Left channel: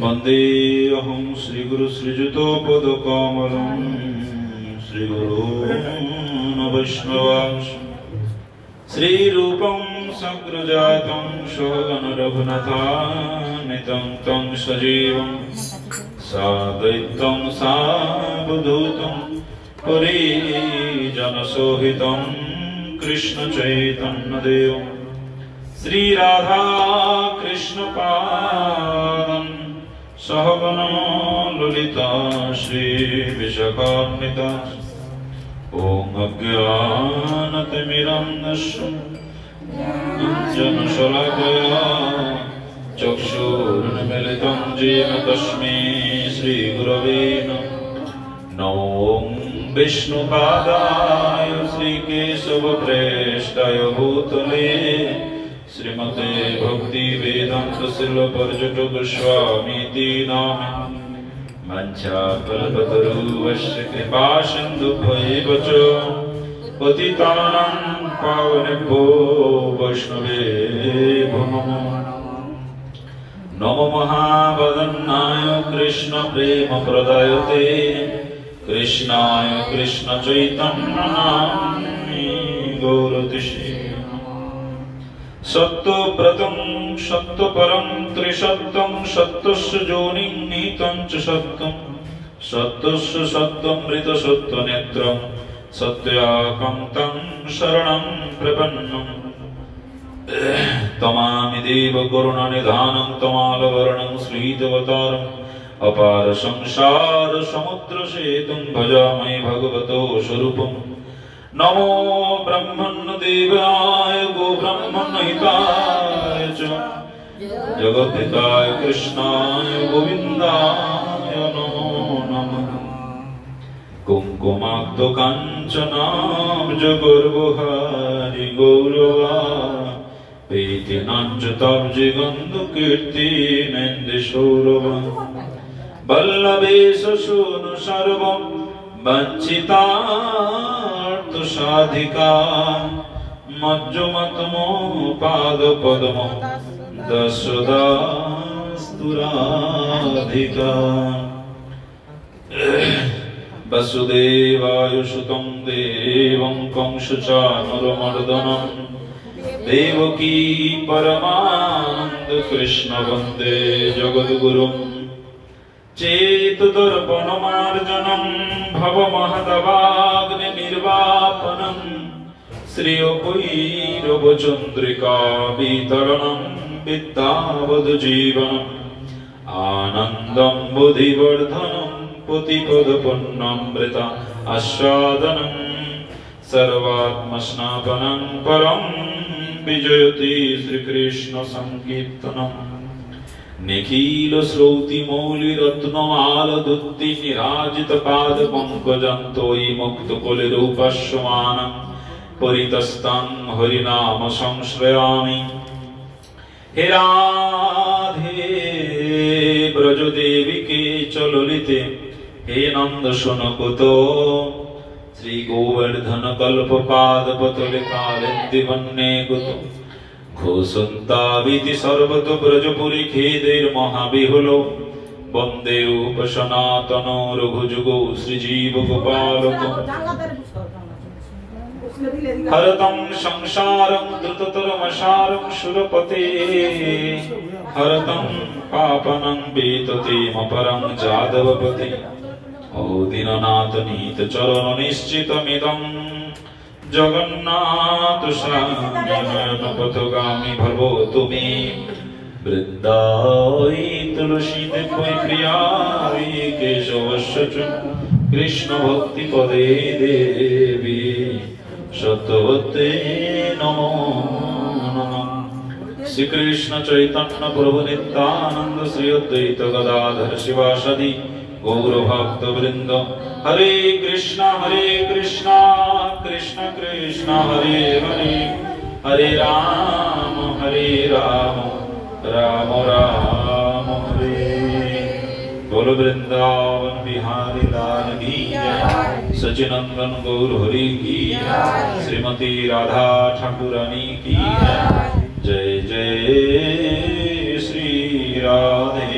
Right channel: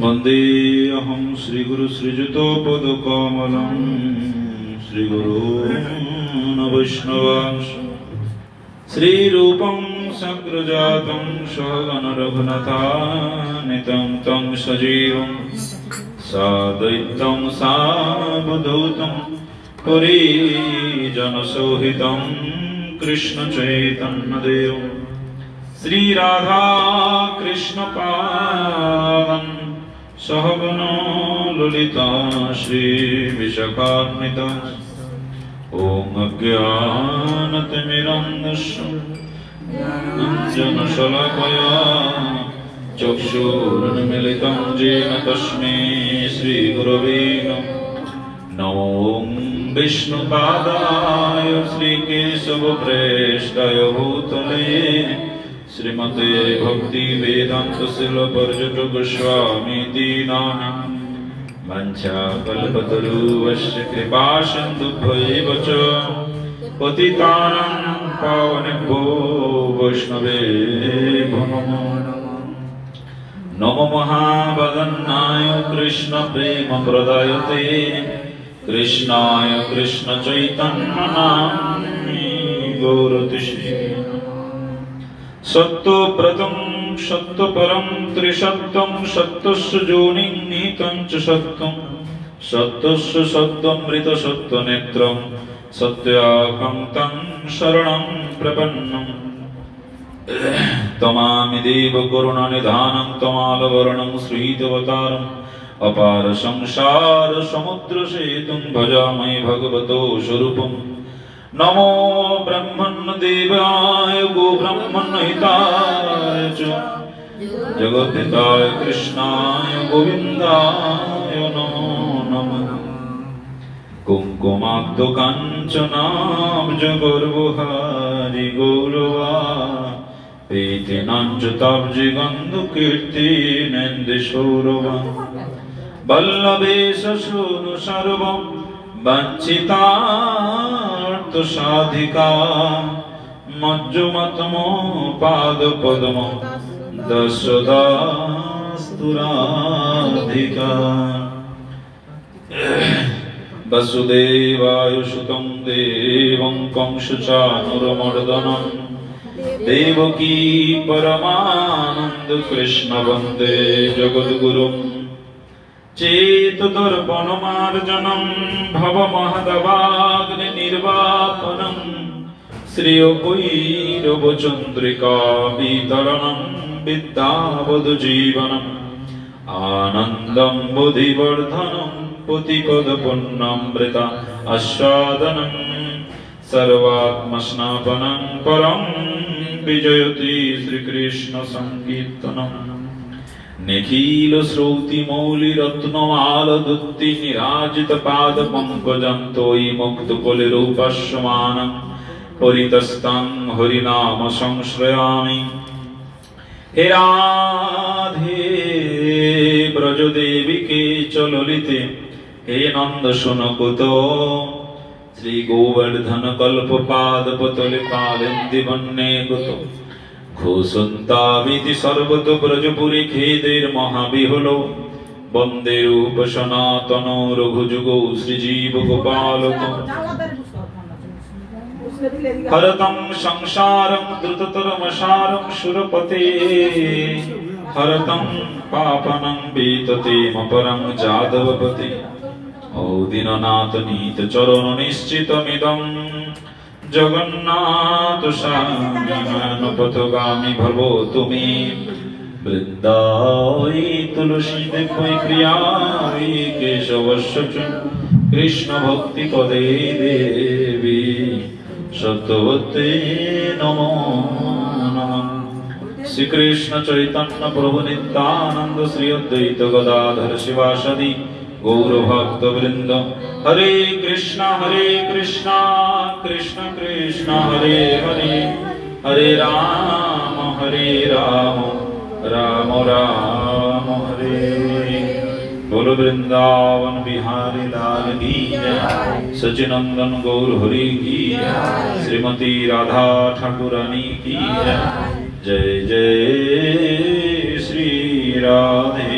वन्देऽहं श्रीगुरु श्रीयुतपदकमलं श्रीगुरून् वैष्णवांश श्रीरूपं सग्रजातं सहगण रघुनाथान्वितं तं सजीवं साद्वैतं सावधूतं परिजनसहितं कृष्णचैतन्यदेवं श्रीराधा कृष्णपादं सहगण ललिता श्रीविशाखान्विता ॐ अज्ञानतिमिरन्धस्य ज्ञानशलाकया चक्षुरुन्मीलितं येन तस्मै श्रीगुरवे नमो विष्णुपादाय श्रीकेशवप्रेष्ठाय भूतले श्रीमते भक्तिवेदान्त शिलपर्यटक स्वामीति नामे वंशाकल्पतरुश्च कृपासिन्धुभ्यैव च पतितानां पावनेभ्यो वैष्णवेभ्यो नमो महावदन्नाय कृष्णप्रेमप्रदायते कृष्णाय कृष्णचैतन्यनाम्ने गौरतिष्ठे सत्त्वव्रतं सत्त्वपरं त्रिसत्यं सत्यस्य योनिं निहितं च सत्यं सत्यस्य सत्त्वमृतसत्त्वनेत्रं सत्याकान्तं शरणं प्रपन्नं तमामि देव करुणानिधानं तमालवर्णं श्रीतवतारम् अपार संसार समुद्र सेतुं भजामि भगवतो स्वरूपम् नमो ब्रह्मण्य देवाय गो ब्रह्मण्य हिताय च जगद्धिताय कृष्णाय गोविन्दाय नमो नमः कुङ्कुमाब्ध काञ्चनाब्जगर्वहारि गौरवा प्रीतिनाञ्जुताब्जि गन्धकीर्तिनेन्दुसौरभा वल्लभेश शृणु सर्वं वञ्चितार्थसाधिका मज्जुमतमो पादपद्मो दशदास्तुराधिका वसुदेवायुसुतं देवं कंसचाणूरमर्दनं देवकी परमानन्द कृष्ण वन्दे जगद्गुरुम् चेतुदर्पणमार्जनं भवमहदवाग्निर्वापनं श्रियोपैरवचन्द्रिका वितरणं विद्यावधुजीवनम् आनन्दं बुद्धिवर्धनं पुतिपदपुण्यमृता आस्वादनं सर्वात्मस्नापनं परं विजयति श्रीकृष्ण संकीर्तनम् निखिल श्रौति मौलि रत्नमाल दुत्ति निराजित पाद पंकजं तोयि मुक्त कुलिरूपस्यमानं परितस्तं हरिनाम संश्रयामि हे राधे ब्रजदेविके च ललिते हे नंद सुनकुतो श्री गोवर्धन कल्पपादपतले कालिन्दी वन्ने कुतो घोषन्ताविति सर्वतो ब्रजपुरी खेदैर्महाबिहुलो वन्दे रूप सनातनो रघुजुगो श्रीजीव गोपालको हरतं संसारं द्रुततरमसारं सुरपते हरतं पापनं वीततेमपरं जादवपते ओ दीननाथ नीत चरण निश्चितमिदं जगन्नाथ स्वामी पथगामी भवो तुमे वृंदावै तुलसी देवै प्रियावै केशवस्य च कृष्ण भक्ति पदे देवी सत्यवते नमो नमः श्री कृष्ण चैतन्य प्रभु नित्यानंद श्री अद्वैत गदाधर शिवासदि गौर भक्त वृंद हरे कृष्णा कृष्ण कृष्ण हरे हरे हरे राम राम राम हरे बोलो वृंदावन बिहारी लाल की जय सचिनंदन गौर हरि की जय श्रीमती राधा ठाकुरानी की जय जय जय श्री राधे।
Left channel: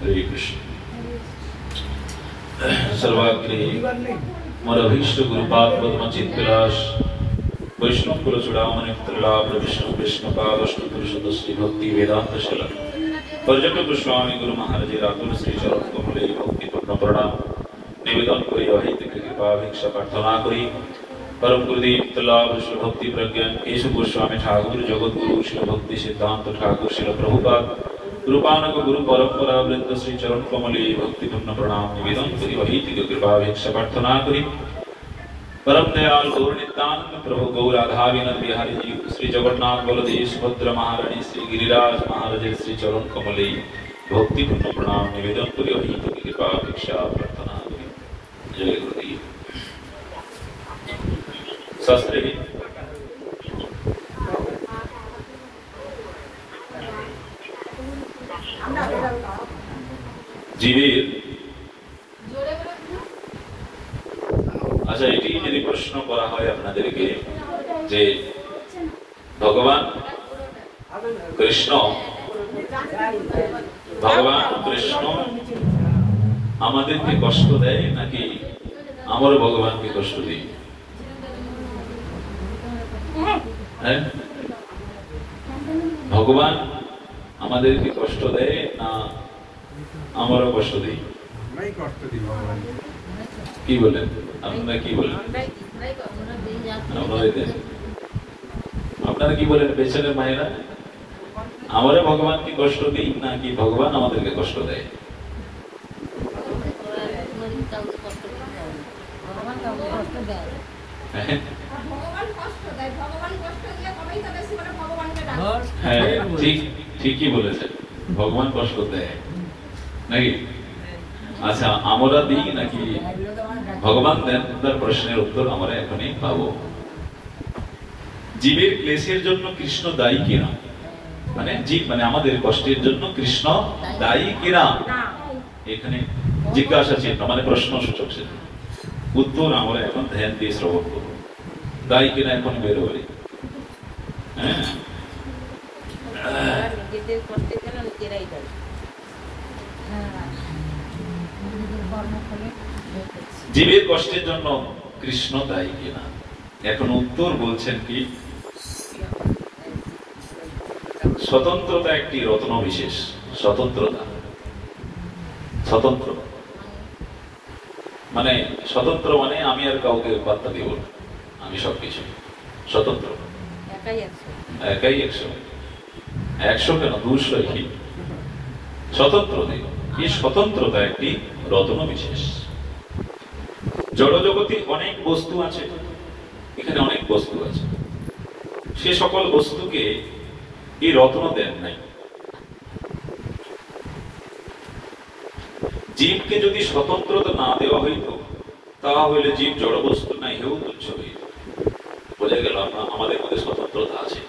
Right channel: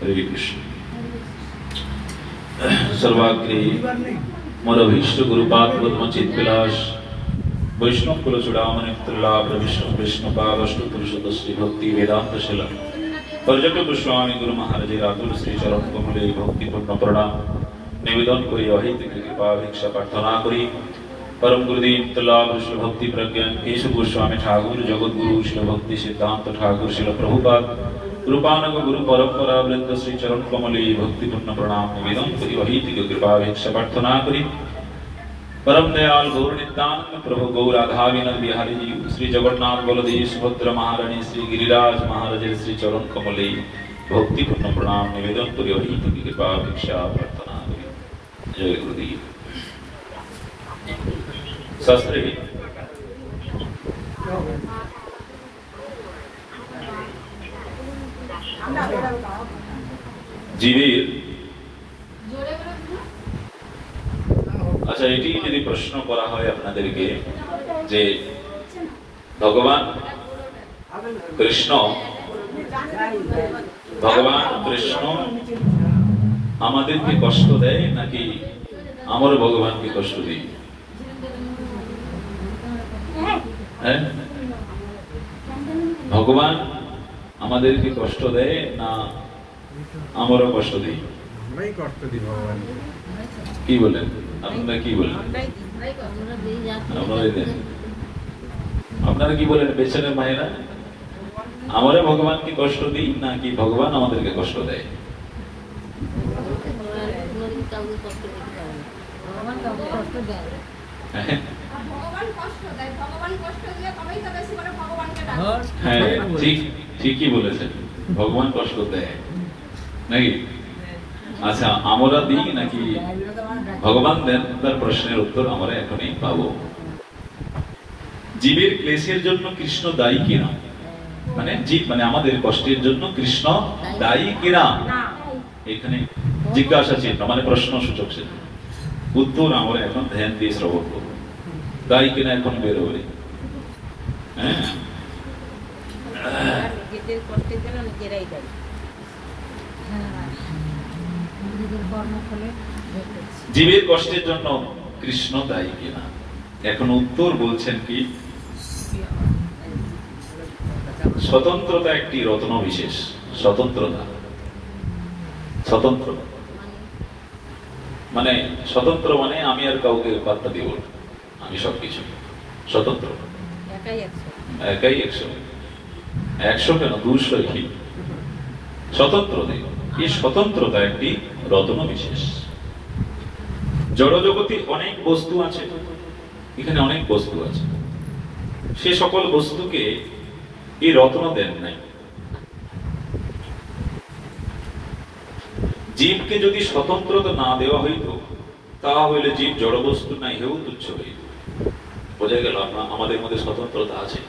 हरे कृष्ण। सर्वाग्रे मोर अभीष्ट गुरुपाद चित विलास वैष्णव कुल चूड़ामणि त्रिलाभ विष्णु विष्णुपाद अष्टपुर सदस्वी भक्ति वेदांत शिला पर्यटक गोस्वामी गुरु महाराज राहुल श्री चरण कमले भक्तिपूर्ण प्रणाम निवेदन करी अहित कृपा भिक्षा प्रार्थना करी परम गुरुदेव तलाभ श्री भक्ति प्रज्ञान केशव गोस्वामी ठाकुर जगत गुरु श्री भक्ति सिद्धांत ठाकुर श्री प्रभुपाद रूपानक गुरु परंपरा वृंद श्री चरण कमले भक्तिपूर्ण प्रणाम निवेदन करी अहित कृपा भिक्षा प्रार्थना करी परम दयाल गौर नित्यानंद प्रभु गौर राधा विनोद बिहारी जी श्री जगन्नाथ बलदेव सुभद्र महारानी श्री गिरिराज महाराज श्री चरण कमले भक्तिपूर्ण प्रणाम निवेदन करी अहित कृपा भिक्षा प्रार्थना करी। जय गुरुदेव। शास्त्री जीवेर अच्छा এটি যদি প্রশ্ন করা হয় আপনাদেরকে যে ভগবান কৃষ্ণ আমাদেরকে কষ্ট দেয় নাকি আমরা ভগবানকে কষ্ট দিই? হ্যাঁ, ভগবান আমাদেরকে কষ্ট দেয় না আমরা কষ্ট দিই? আমরাই কষ্ট দিই ভগবানকে। কি বলেন আপনারা? কি বলেন আপনারা? কি বলেন পেছনের মায়েরা? আমরা ভগবানকে কষ্ট দিই নাকি ভগবান আমাদেরকে কষ্ট দেয়? হ্যাঁ, ঠিকই বলেছেন, ভগবান কষ্ট দেয় নাকি? আচ্ছা, আমরা দিই নাকি ভগবান দেন? তার প্রশ্নের উত্তর আমরা এখনই পাবো। জীবের ক্লেশের জন্য কৃষ্ণ দায়ী কিনা, মানে জীব মানে আমাদের কষ্টের জন্য কৃষ্ণ দায়ী কিনা, এখানে জিজ্ঞাসা চিহ্ন মানে প্রশ্ন সূচক চিহ্ন। উত্তর আমরা এখন ধ্যান দিয়ে শ্রবণ করব। দায়ী কিনা এখন বেরোবে। হ্যাঁ, জীবের কষ্টের জন্য কৃষ্ণ দায়ী কিনা, এখন উত্তর বলছেন কি, স্বতন্ত্রতা একটি রত্ন বিশেষ। স্বতন্ত্রতা, স্বতন্ত্র মানে স্বতন্ত্র মানে আমি আর কাউকে পাত্তা দিব না, আমি সবকিছু স্বতন্ত্র। একাই 100 কেন 200 কি স্বতন্ত্র দেব। এই স্বতন্ত্রতা একটি রত্ন বিশেষ। জড়জগতে অনেক বস্তু আছে, এখানে অনেক বস্তু আছে, সে সকল বস্তুকে এই রত্ন দেন নাই। জীবকে যদি স্বতন্ত্রতা না দেওয়া হইত তাহলে জীব জড়বস্তু নাই হেউ তুচ্ছ হইত। বোঝা গেল আমাদের মধ্যে স্বতন্ত্রতা আছে।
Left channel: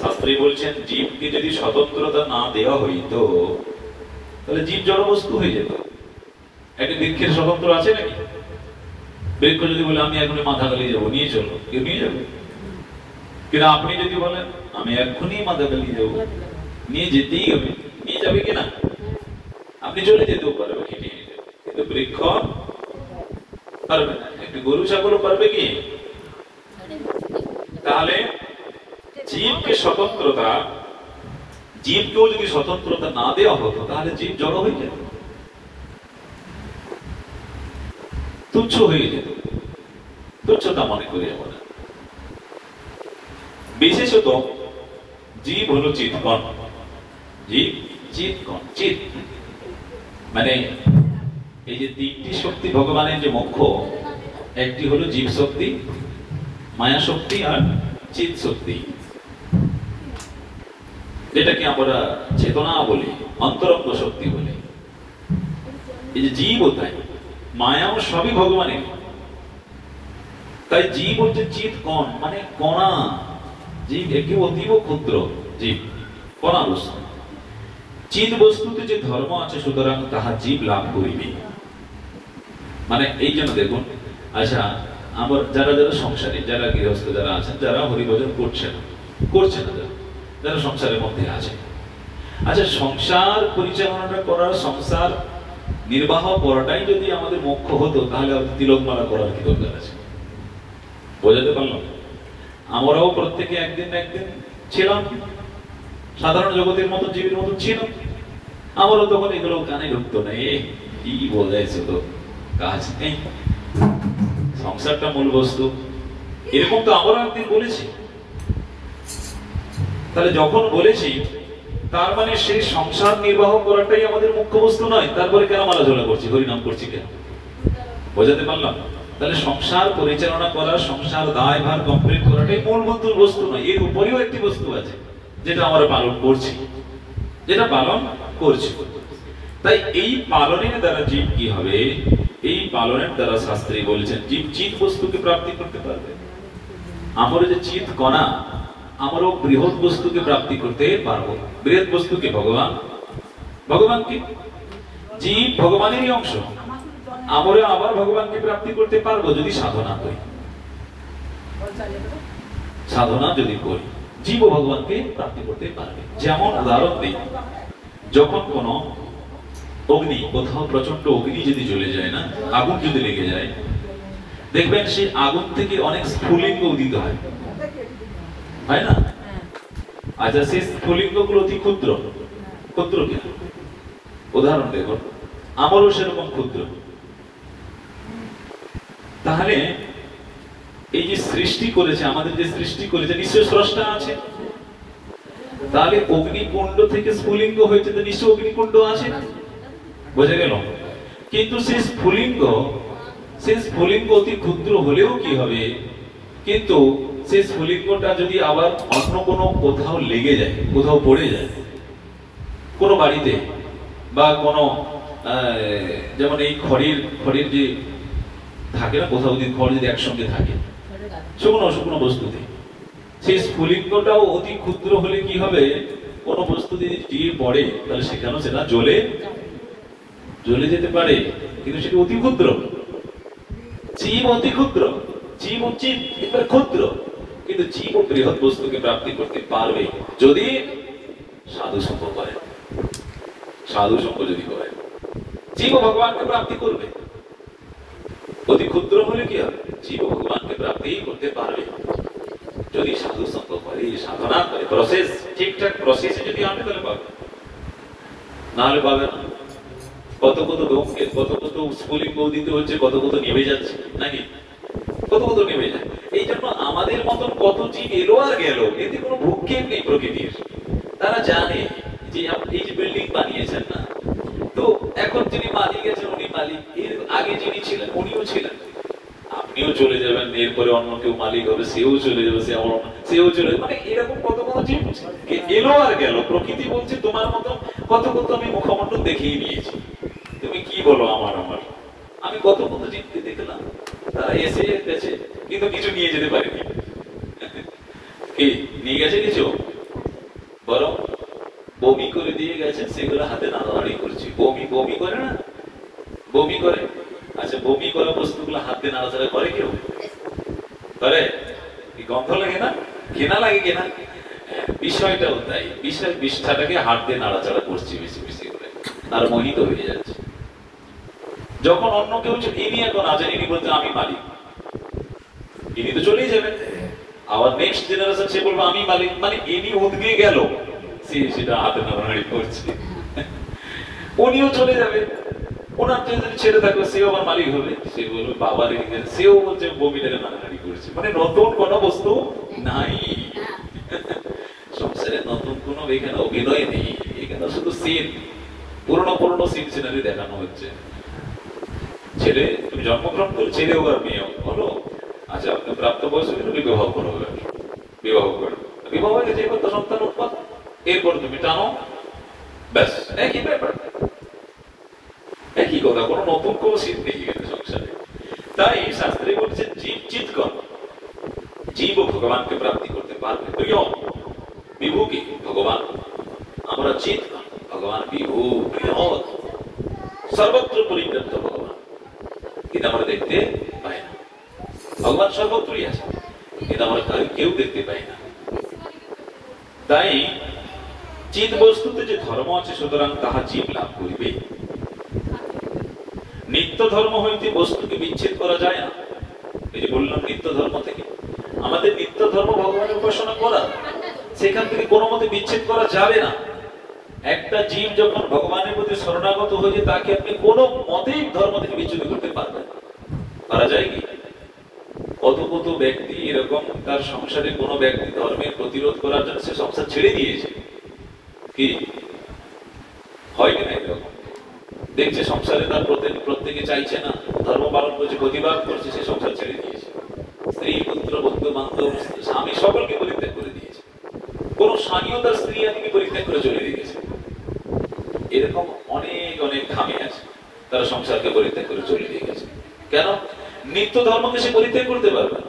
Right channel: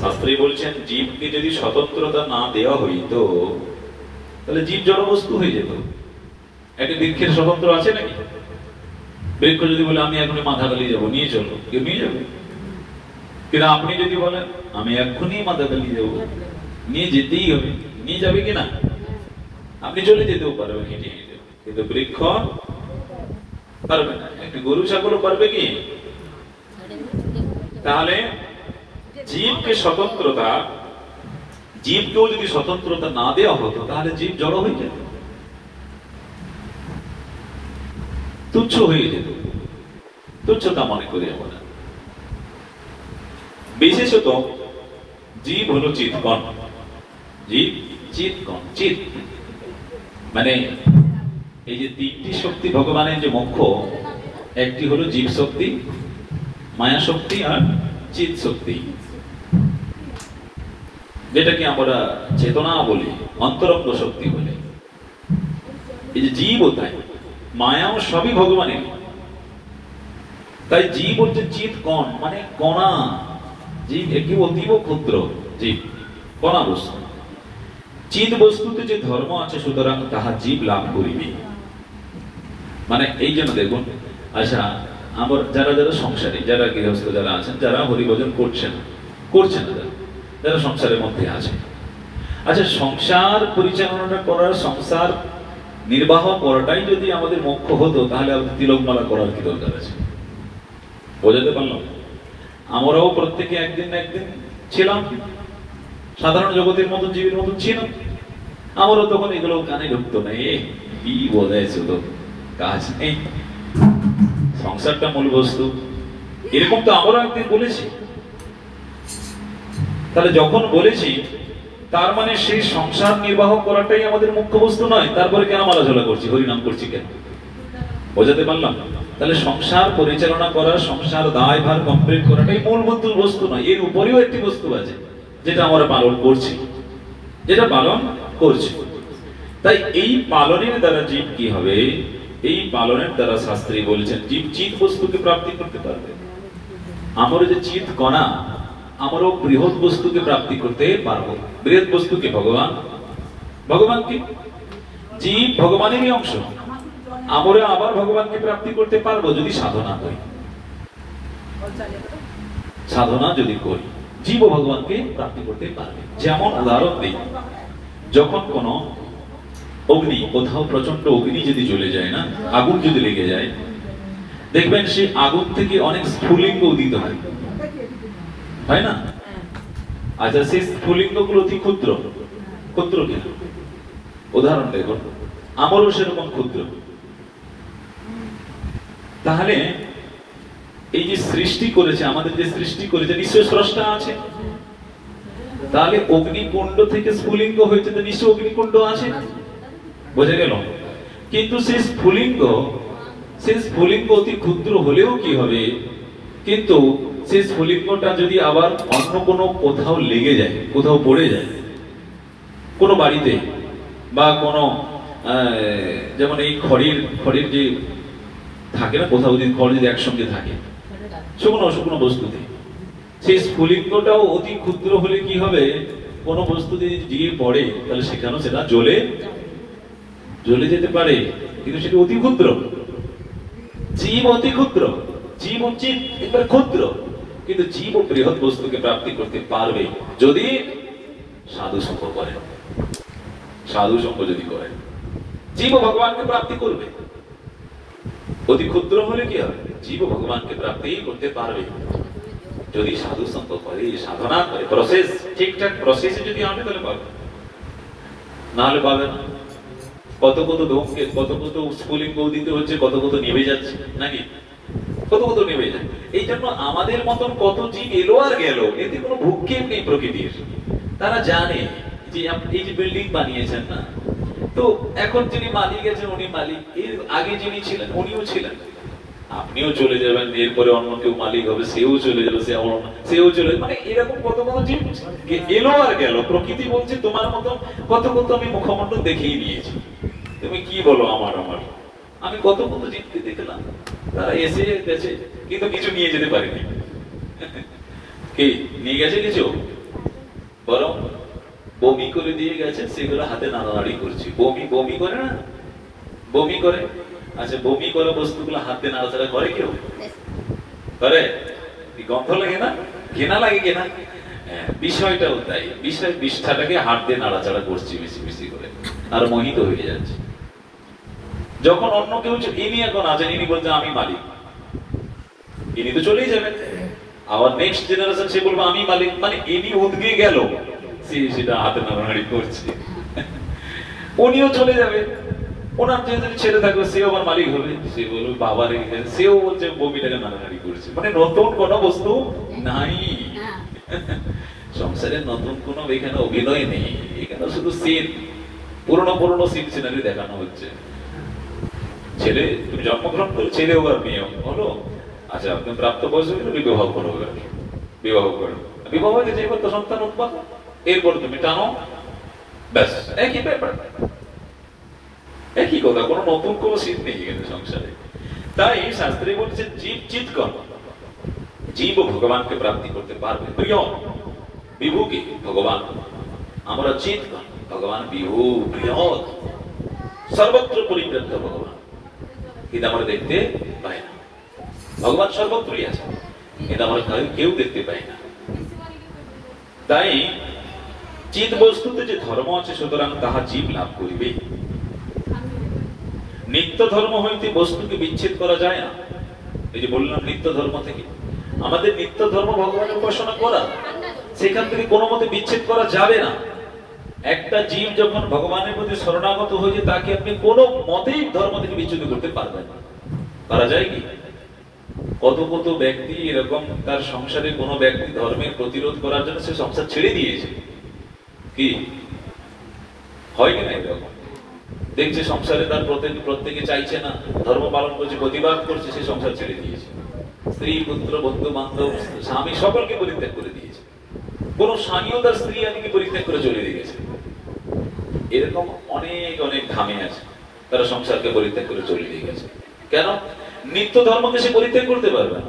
শাস্ত্রী বলছেন জীবকে যদি স্বতন্ত্রতা না দেওয়া হইত তাহলে জীব জড়বস্তু হয়ে যেত। একটি বৃক্ষের স্বতন্ত্র আছে নাকি? বৃক্ষ যদি বলে আমি এখনই মাথাখালি যাবো, নিয়ে চলো, কেউ নিয়ে যাবে? কিন্তু আপনি যদি বলেন আমি এখনই মাথাখালি যাবো, নিয়ে যেতেই হবে, নিয়ে যাবে কিনা? আপনি চলে যেতেও পারবেন হেঁটে হেঁটে, কিন্তু বৃক্ষ পারবে না। একটি গরু ছাগল পারবে কি? তাহলে জীবকে স্বতন্ত্রতা, জীবকেও যদি স্বতন্ত্রতা না দেওয়া হতো তাহলে জীব জড় হয়ে যেত, তুচ্ছ হয়ে যেত। তুচ্ছতা মনে করি আমরা। বিশেষত জীব হলো চিৎকণ। জীব চিৎকণ, চিৎ মানে এই যে তিনটি শক্তি ভগবানের যে মুখ্য, একটি হলো জীব শক্তি, মায়া শক্তি আর চিৎ শক্তি, যেটাকে আমরা চেতনা বলি, অন্তরঙ্গ শক্তি বলে। এই যে জীব তাই মায়াও সবই ভগবানের। তাই জীব হচ্ছে চিৎ কণ মানে কণা। জীব একটি অতীব ক্ষুদ্র জীব, কণা বস্তু। চিৎ বস্তুতে যে ধর্ম আছে সুতরাং তাহা জীব লাভ করিবে। মানে এই জন্য দেখুন, আচ্ছা আমরা যারা যারা সংসারী, যারা গৃহস্থ যারা আছেন, যারা হরিভজন করছেন না, যারা সংসারের মধ্যে আছে। আচ্ছা, সংসার পরিচালনা করার, সংসার নির্বাহ করাটাই যদি আমাদের মুখ্য হতো, তাহলে আমাদের তিলকমালা করার কি দরকার আছে? বোঝাতে পারলাম? আমরাও প্রত্যেকে একদিন না একদিন ছিলাম, সাধারণ জগতের মতো, জীবের মতো ছিলাম। আমারও তখন এগুলো কানে ঢুকতো না। কি বোঝাইছো, তো কাজ নেই, সংসারটা মূল বস্তু, এরকম তো আমরাও একদিন বলেছি। তাহলে যখন বলেছি, তার মানে সেই সংসার নির্বাহ করাটাই আমাদের মুখ্য বস্তু নয়। তারপরে কেন মালাঝোলা করছি, হরিনাম করছি কেন? বোঝাতে পারলাম? তাহলে সংসার পরিচালনা করা, সংসার দায়ভার কমপ্লিট করাটাই মূল বস্তু নয়। এর উপরেও একটি বস্তু আছে যেটা আমরা পালন করছি, যেটা পালন করছি। তাই এই পালনের দ্বারা জীব কি হবে? এই পালনের দ্বারা শাস্ত্রে বলেছেন জীব চিৎ বস্তুকে প্রাপ্তি করতে পারবে। আমার যে চিৎ কণা, আমারও বৃহৎ বস্তুকে প্রাপ্তি করতে পারবো। বৃহৎ বস্তুকে ভগবান, ভগবানকে, জীব ভগবানেরই অংশ। আমরা আবার ভগবানকে প্রাপ্তি করতে পারবো যদি সাধনা করি। সাধনা যদি করি, জীব ভগবানকে প্রাপ্তি করতে পারবে। যেমন উদাহরণ দিই, যখন কোন অগ্নি, কোথাও প্রচন্ড অগ্নি যদি জ্বলে যায় না, আগুন যদি লেগে যায়, দেখবেন সেই আগুন থেকে অনেক স্ফুলিঙ্গ উদিত হয়, হয় না? আচ্ছা, সেই স্ফুলিঙ্গ গুলো অতি ক্ষুদ্র, ক্ষুদ্র কিনা? উদাহরণ দেখো, আমারও সেরকম ক্ষুদ্র। তাহলে এই যে সৃষ্টি করেছে, আমাদের যে সৃষ্টি করেছে, নিশ্চয় স্রষ্টা আছে। তাহলে অগ্নিকুণ্ড থেকে স্ফুলিঙ্গ হয়েছে, তো নিশ্চয় অগ্নিকুণ্ড আছে, বোঝা গেল? কিন্তু সেই স্ফুলিঙ্গ অতি ক্ষুদ্র হলেও কি হবে? কিন্তু সেই স্ফুলিঙ্গটা যদি আবার অন্য কোনো কোথাও লেগে যায়, কোথাও পড়ে যায়, কোনো বাড়িতে বা কোনো যেমন এই খড়ির যে থাকে না, কোথাও যদি খড় যদি একসঙ্গে থাকে শুকনো বস্তুতে, সেই স্ফুলিঙ্গটাও অতি ক্ষুদ্র হলে কি হবে? কোনো বস্তু যদি দিয়ে পড়ে, তাহলে সেখানেও সেটা জ্বলে যেতে পারে, কিন্তু সেটা অতি ক্ষুদ্র। জীব অতি ক্ষুদ্র, জীব হচ্ছে ক্ষুদ্র, কিন্তু জীব বৃহৎ বস্তুকে প্রাপ্তি করতে পারবে যদি সাধু সঙ্গ করে। সাধু সঙ্গ যদি করে, জীব ভগবানকে প্রাপ্তি করবে। অতি ক্ষুদ্র হলে কি হবে? জীব ভগবানকে প্রাপ্তি করতে পারবে যদি সাধু সঙ্গ করে, সাধনা করে, প্রসেস ঠিকঠাক প্রসেসে যদি আনে, তাহলে পাবে, না হলে পাবে না। কত ধূমকেতু, কত স্ফুলিঙ্গ উদিত হচ্ছে, কত নিভে যাচ্ছে নাকি? কত নেমে যায়। এই জন্য আমাদের মতন কত জীব এলো আর গেল, এতে কোনো ভূক্ষেপ নেই প্রকৃতির। তারা জানে যে এই যে বিল্ডিং বানিয়েছেন না, তো এখন যিনি মালিক আছেন উনি মালিক, এর আগে যিনি ছিলেন উনিও ছিলেন। আপনিও চলে যাবেন, এরপরে অন্য কেউ মালিক হবে, সেও চলে যাবে, সেও চলে যাবে। মানে এরকম কত জীব এলো আর গেল। প্রকৃতি বলছে তোমার মতো কত আমি মুখমণ্ডল দেখেই নিয়েছি, তুমি কি বলো আমার আমি কত জীবকে দেখলাম, তারা এসে গেছে কিন্তু কিছু নিয়ে যেতে পারেনি। কি নিয়ে গেছে? কিছু বরং বমি করে দিয়ে গেছে, সেগুলো হাতে নাড়ানাড়ি করছি। বমি করে না, বমি করে। আচ্ছা, বমি করা বস্তুগুলো হাতে নাড়াচাড়া করে কেউ? করে? গন্ধ লাগে না, ঘৃণা লাগে কিনা? বিষয়টাও তাই, বিষ্ঠাটাকে হাত দিয়ে নাড়াচাড়া করছি বেশি করে, আর মোহিত হয়ে যাচ্ছে। যখন অন্য কেউ ইনি এখন আছেন, ইনি বলতে আমি মালিক, ইনি তো চলেই যাবেন। আবার নেক্সট জেনারেশন সে বলবে আমি মালিক, মানে ইনি উঠে গেল, সেটা হাতে নাড়ানাড়ি করছে। উনিও চলে যাবে, ওনার যদি ছেলে থাকবে সেও আমার মালিক হবে, সে বলবে বাবার, সেও বলছে বমিটাকে নাড়ানাড়ি করছে। মানে নতুন কোন বস্তু নাই সংসারে, নতুন কোন এখানে অভিনয় নেই, এখানে শুধু সিন, পুরনো সিন সিনারি দেখানো হচ্ছে। ছেলে তুমি জন্মগ্রহণ করো, ছেলে হোক আর মেয়ে হলো, আচ্ছা আপনি প্রাপ্ত বয়স হলে বিবাহ করো, বিবাহ হয়ে গেছে, এবার তো সন্তান উৎপাদ, এরপর তুমি টানো, ব্যাস একই ব্যাপার, একই কথা, কোনো নতুন কোন সিন নেই এখানে সংসারে। তাই শাস্ত্রে বলছে জীব চিৎকর, জীব ভগবানকে প্রাপ্তি করতে পারবে। প্রিয় বিভু কি? ভগবান। আমরা চিৎকর, ভগবান বিভু, বৃহৎ, সর্বত্র পরিব্যাপ্ত ভগবান, কিন্তু আমরা দেখতে পাই না। ভগবান সর্বত্রই আছে, কিন্তু আমরা কেউ দেখতে পাই না। তাই চিৎ বস্তুতে যে ধর্ম আছে সুতরাং তাহা জীব লাভ করিবে। নিত্য ধর্ম হইতে বস্তুকে বিচ্ছেদ করা যায় না। এই যে বললাম নিত্য ধর্ম থেকে, আমাদের নিত্য ধর্ম ভগবানের উপাসনা করা, সেখান থেকে কোনো মতে বিচ্ছেদ করা যাবে না। একটা জীব যখন ভগবানের প্রতি শরণাগত হয়ে তাকে আপনি কোনো মতেই ধর্ম থেকে বিচ্যুত করতে পারবেন না। পারা যায় কি? কত কত ব্যক্তি এরকম তার সংসারে কোনো ব্যক্তি ধর্মের প্রতিরোধ করার জন্য সে সংসার ছেড়ে দিয়েছে, কি হয় কিনা? এরকম দেখছে সংসারে তার প্রত্যেকে চাইছে না, ধর্ম পালন করছে, প্রতিবাদ করছে, সে সংসার ছেড়ে দিয়েছে। স্ত্রী, পুত্র, বন্ধু বান্ধব, স্বামী সকলকে পরিত্যাগ করে দিয়েছে। কোন স্বামীও তার স্ত্রী আদিকে পরিত্যাগ করে চলে দিয়েছে। এরকম অনেক অনেক খামি আছে, তারা সংসারকে পরিত্যাগ করে চলে দিয়ে গেছে। কেন? নিত্য ধর্মকে সে পরিত্যাগ করতে পারবে না।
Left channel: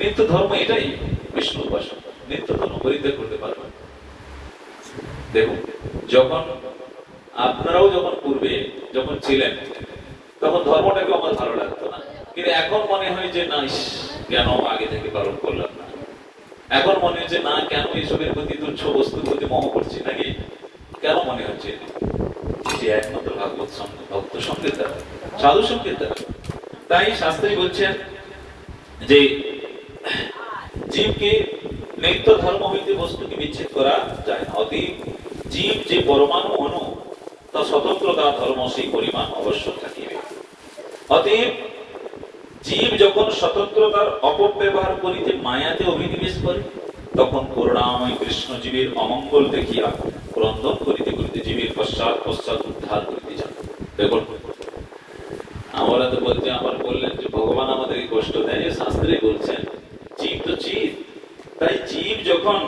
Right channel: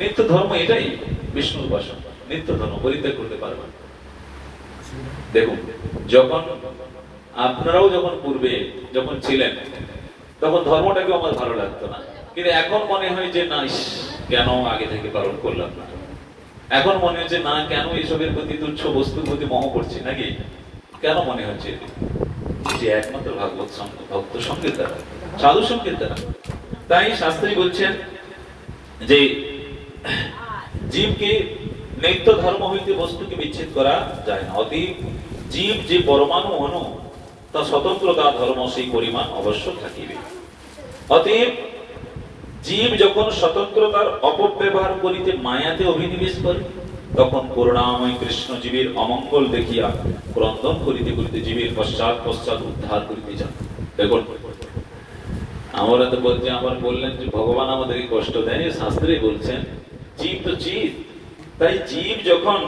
নিত্য ধর্ম এটাই, বিষ্ণু উপাসনা। নিত্য ধর্ম পরিত্যাগ করতে পারবে না। দেখুন, যখন আপনারাও যখন পূর্বে যখন ছিলেন তখন ধর্মটাকে আমার ভালো লাগতো না, কিন্তু এখন মনে হয় যে না, কেন আগে থেকে পালন করলাম না। এখন মনে হচ্ছে না, কেন এইসবের প্রতি তুচ্ছ বস্তুর প্রতি মোহ করছি নাকি? কেন মনে হচ্ছে যে একমাত্র ভাগবত ভক্ত সঙ্গের দ্বারা, সাধু সঙ্গের দ্বারা। তাই শাস্ত্রী বলছেন যে জীবকে নিত্য ধর্ম হইতে বস্তুকে বিচ্ছেদ করা যায় না। অতএব জীব যে পরমাণু অণু, তা স্বতন্ত্রতা ধর্ম সেই পরিমাণ অবশ্য থাকিবে। অতএব জীব যখন স্বতন্ত্রতার অপব্যবহার করিতে মায়াতে অভিনিবেশ করে, তখন করুণাময় কৃষ্ণ জীবের অমঙ্গল দেখিয়া ক্রন্দন করিতে করিতে জীবের পশ্চাৎ পশ্চাৎ উদ্ধার করিতে যান। দেখুন, আমরা তো বলতে আবার বললেন যে ভগবান আমাদেরকে কষ্ট দেয়, শাস্ত্রে বলছেন জীব তো জীব। তাই জীব যখন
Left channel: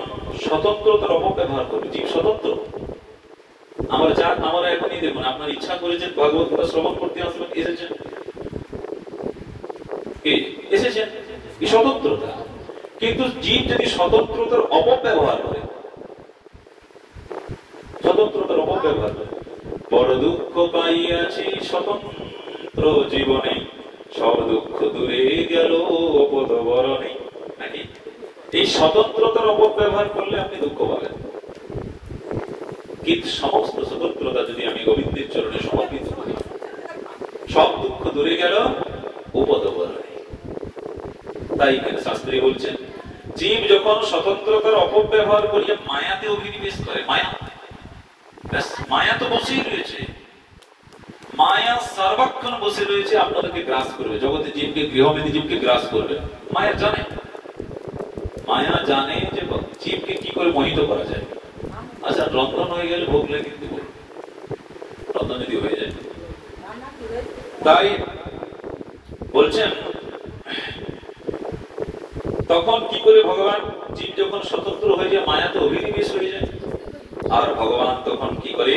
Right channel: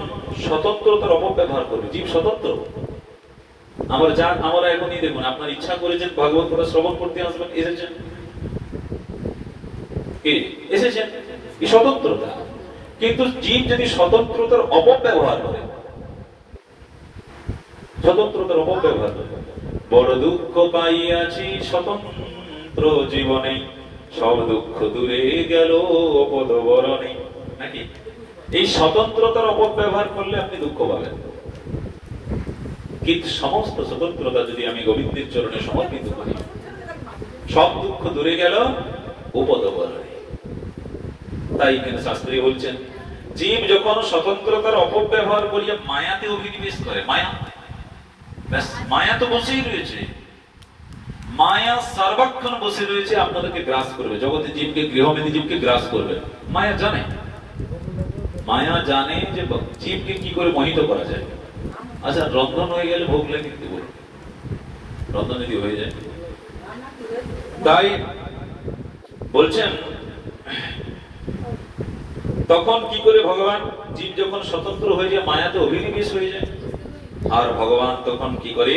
স্বতন্ত্রতার অপব্যবহার করবে, জীব স্বতন্ত্র। আমরা এখনই দেখুন, আপনার ইচ্ছা করেছেন ভাগবত কথা শ্রবণ করতে আসবেন, এসেছেন, এই স্বতন্ত্রতা। কিন্তু জীব যদি স্বতন্ত্রতার অপব্যবহার করে, স্বতন্ত্রতার অপব্যবহার করে, বড় দুঃখ পাইয়াছি স্বতন্ত্র জীবনে, সব দুঃখ দূরে গেল অপদবরণে, নাকি? এই স্বতন্ত্রতার অপব্যবহার করলে আপনি দুঃখ পাবেন। কিন্তু সমস্ত স্বতন্ত্রতা যদি আমি গোবিন্দের চরণে সমর্পিত করি, সব দুঃখ দূরে গেল উপদবরণে। তাই শাস্ত্রী বলছেন জীব যখন স্বতন্ত্রতার অপব্যবহার করিয়া মায়াতে অভিনিবেশ করে, মায়া তো বসেই রয়েছে, মায়া সর্বক্ষণ বসে রয়েছে, আপনাদেরকে গ্রাস করবে, জগতে জীবকে, গৃহমেধি জীবকে গ্রাস করবে। মায়া জানে যে জীবকে কি করে মোহিত করা যায়। আচ্ছা, রন্ধন হয়ে গেলে ভোগ লাগে, কিন্তু রন্ধন যদি হয়ে যায়, তাই বলছেন তখন কি করে ভগবান, জীব যখন স্বতন্ত্র হয়ে যায়, মায়াতে অভিনিবেশ হয়ে যায়, আর ভগবান তখন কি করে,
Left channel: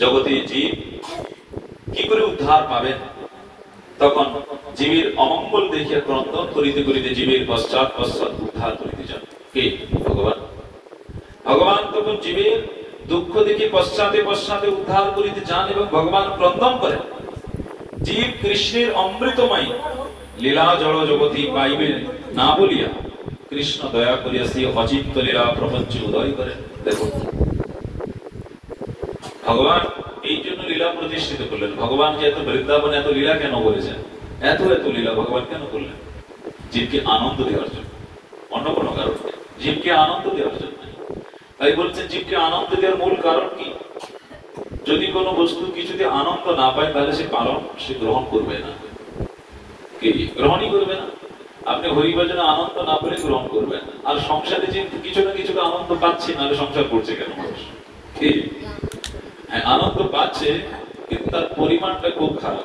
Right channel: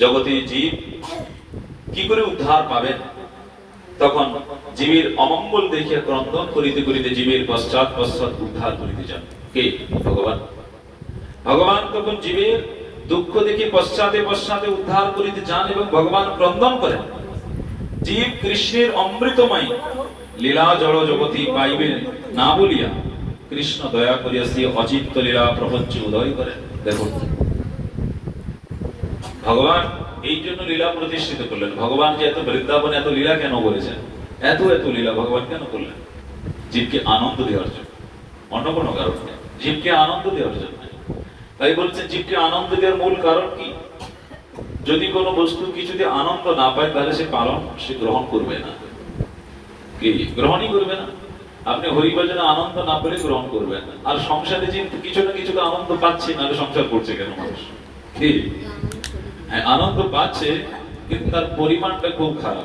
জগতে জীব কি করে উদ্ধার পাবেন? তখন জীবের অমঙ্গল দেখিয়া ক্রন্দন করিতে করিতে জীবের পশ্চাৎ পশ্চাৎ উদ্ধার করিতে যান। কে? ভগবান। ভগবান তখন জীবের দুঃখ দেখে পশ্চাতে পশ্চাতে উদ্ধার করিতে যান এবং ভগবান ক্রন্দন করেন। জীব কৃষ্ণের অমৃতময় লীলা জড় জগতি পাইবে না বলিয়া কৃষ্ণ দয়া করিয়া সেই অচিত্ত লীলা প্রপঞ্চ উদয় করেন। দেখুন, ভগবান এই জন্য লীলা প্রতিষ্ঠিত করলেন। ভগবান যে এত বৃন্দাবনে এত লীলা কেন বলেছেন, এত এত লীলা ভগবান কেন করলেন? জীবকে আনন্দ দেওয়ার জন্য, অন্য কোনো কারণ নেই, জীবকে আনন্দ দেওয়ার জন্য। তাই বলছে জীবকে আনন্দ দেওয়ার মূল কারণ কি? যদি কোনো বস্তু কিছুতে আনন্দ না পায় তাহলে সে গ্রহণ করবে না, গ্রহণই করবে না। আপনি হরিভজনে আনন্দ না পেলে গ্রহণ করবেন না। আর সংসারে যে কিছু না কিছু আনন্দ পাচ্ছে না, সংসার করছে কেন মানুষ? আনন্দ পাচ্ছে, কিন্তু তার পরিমাণটা খুব খারাপ।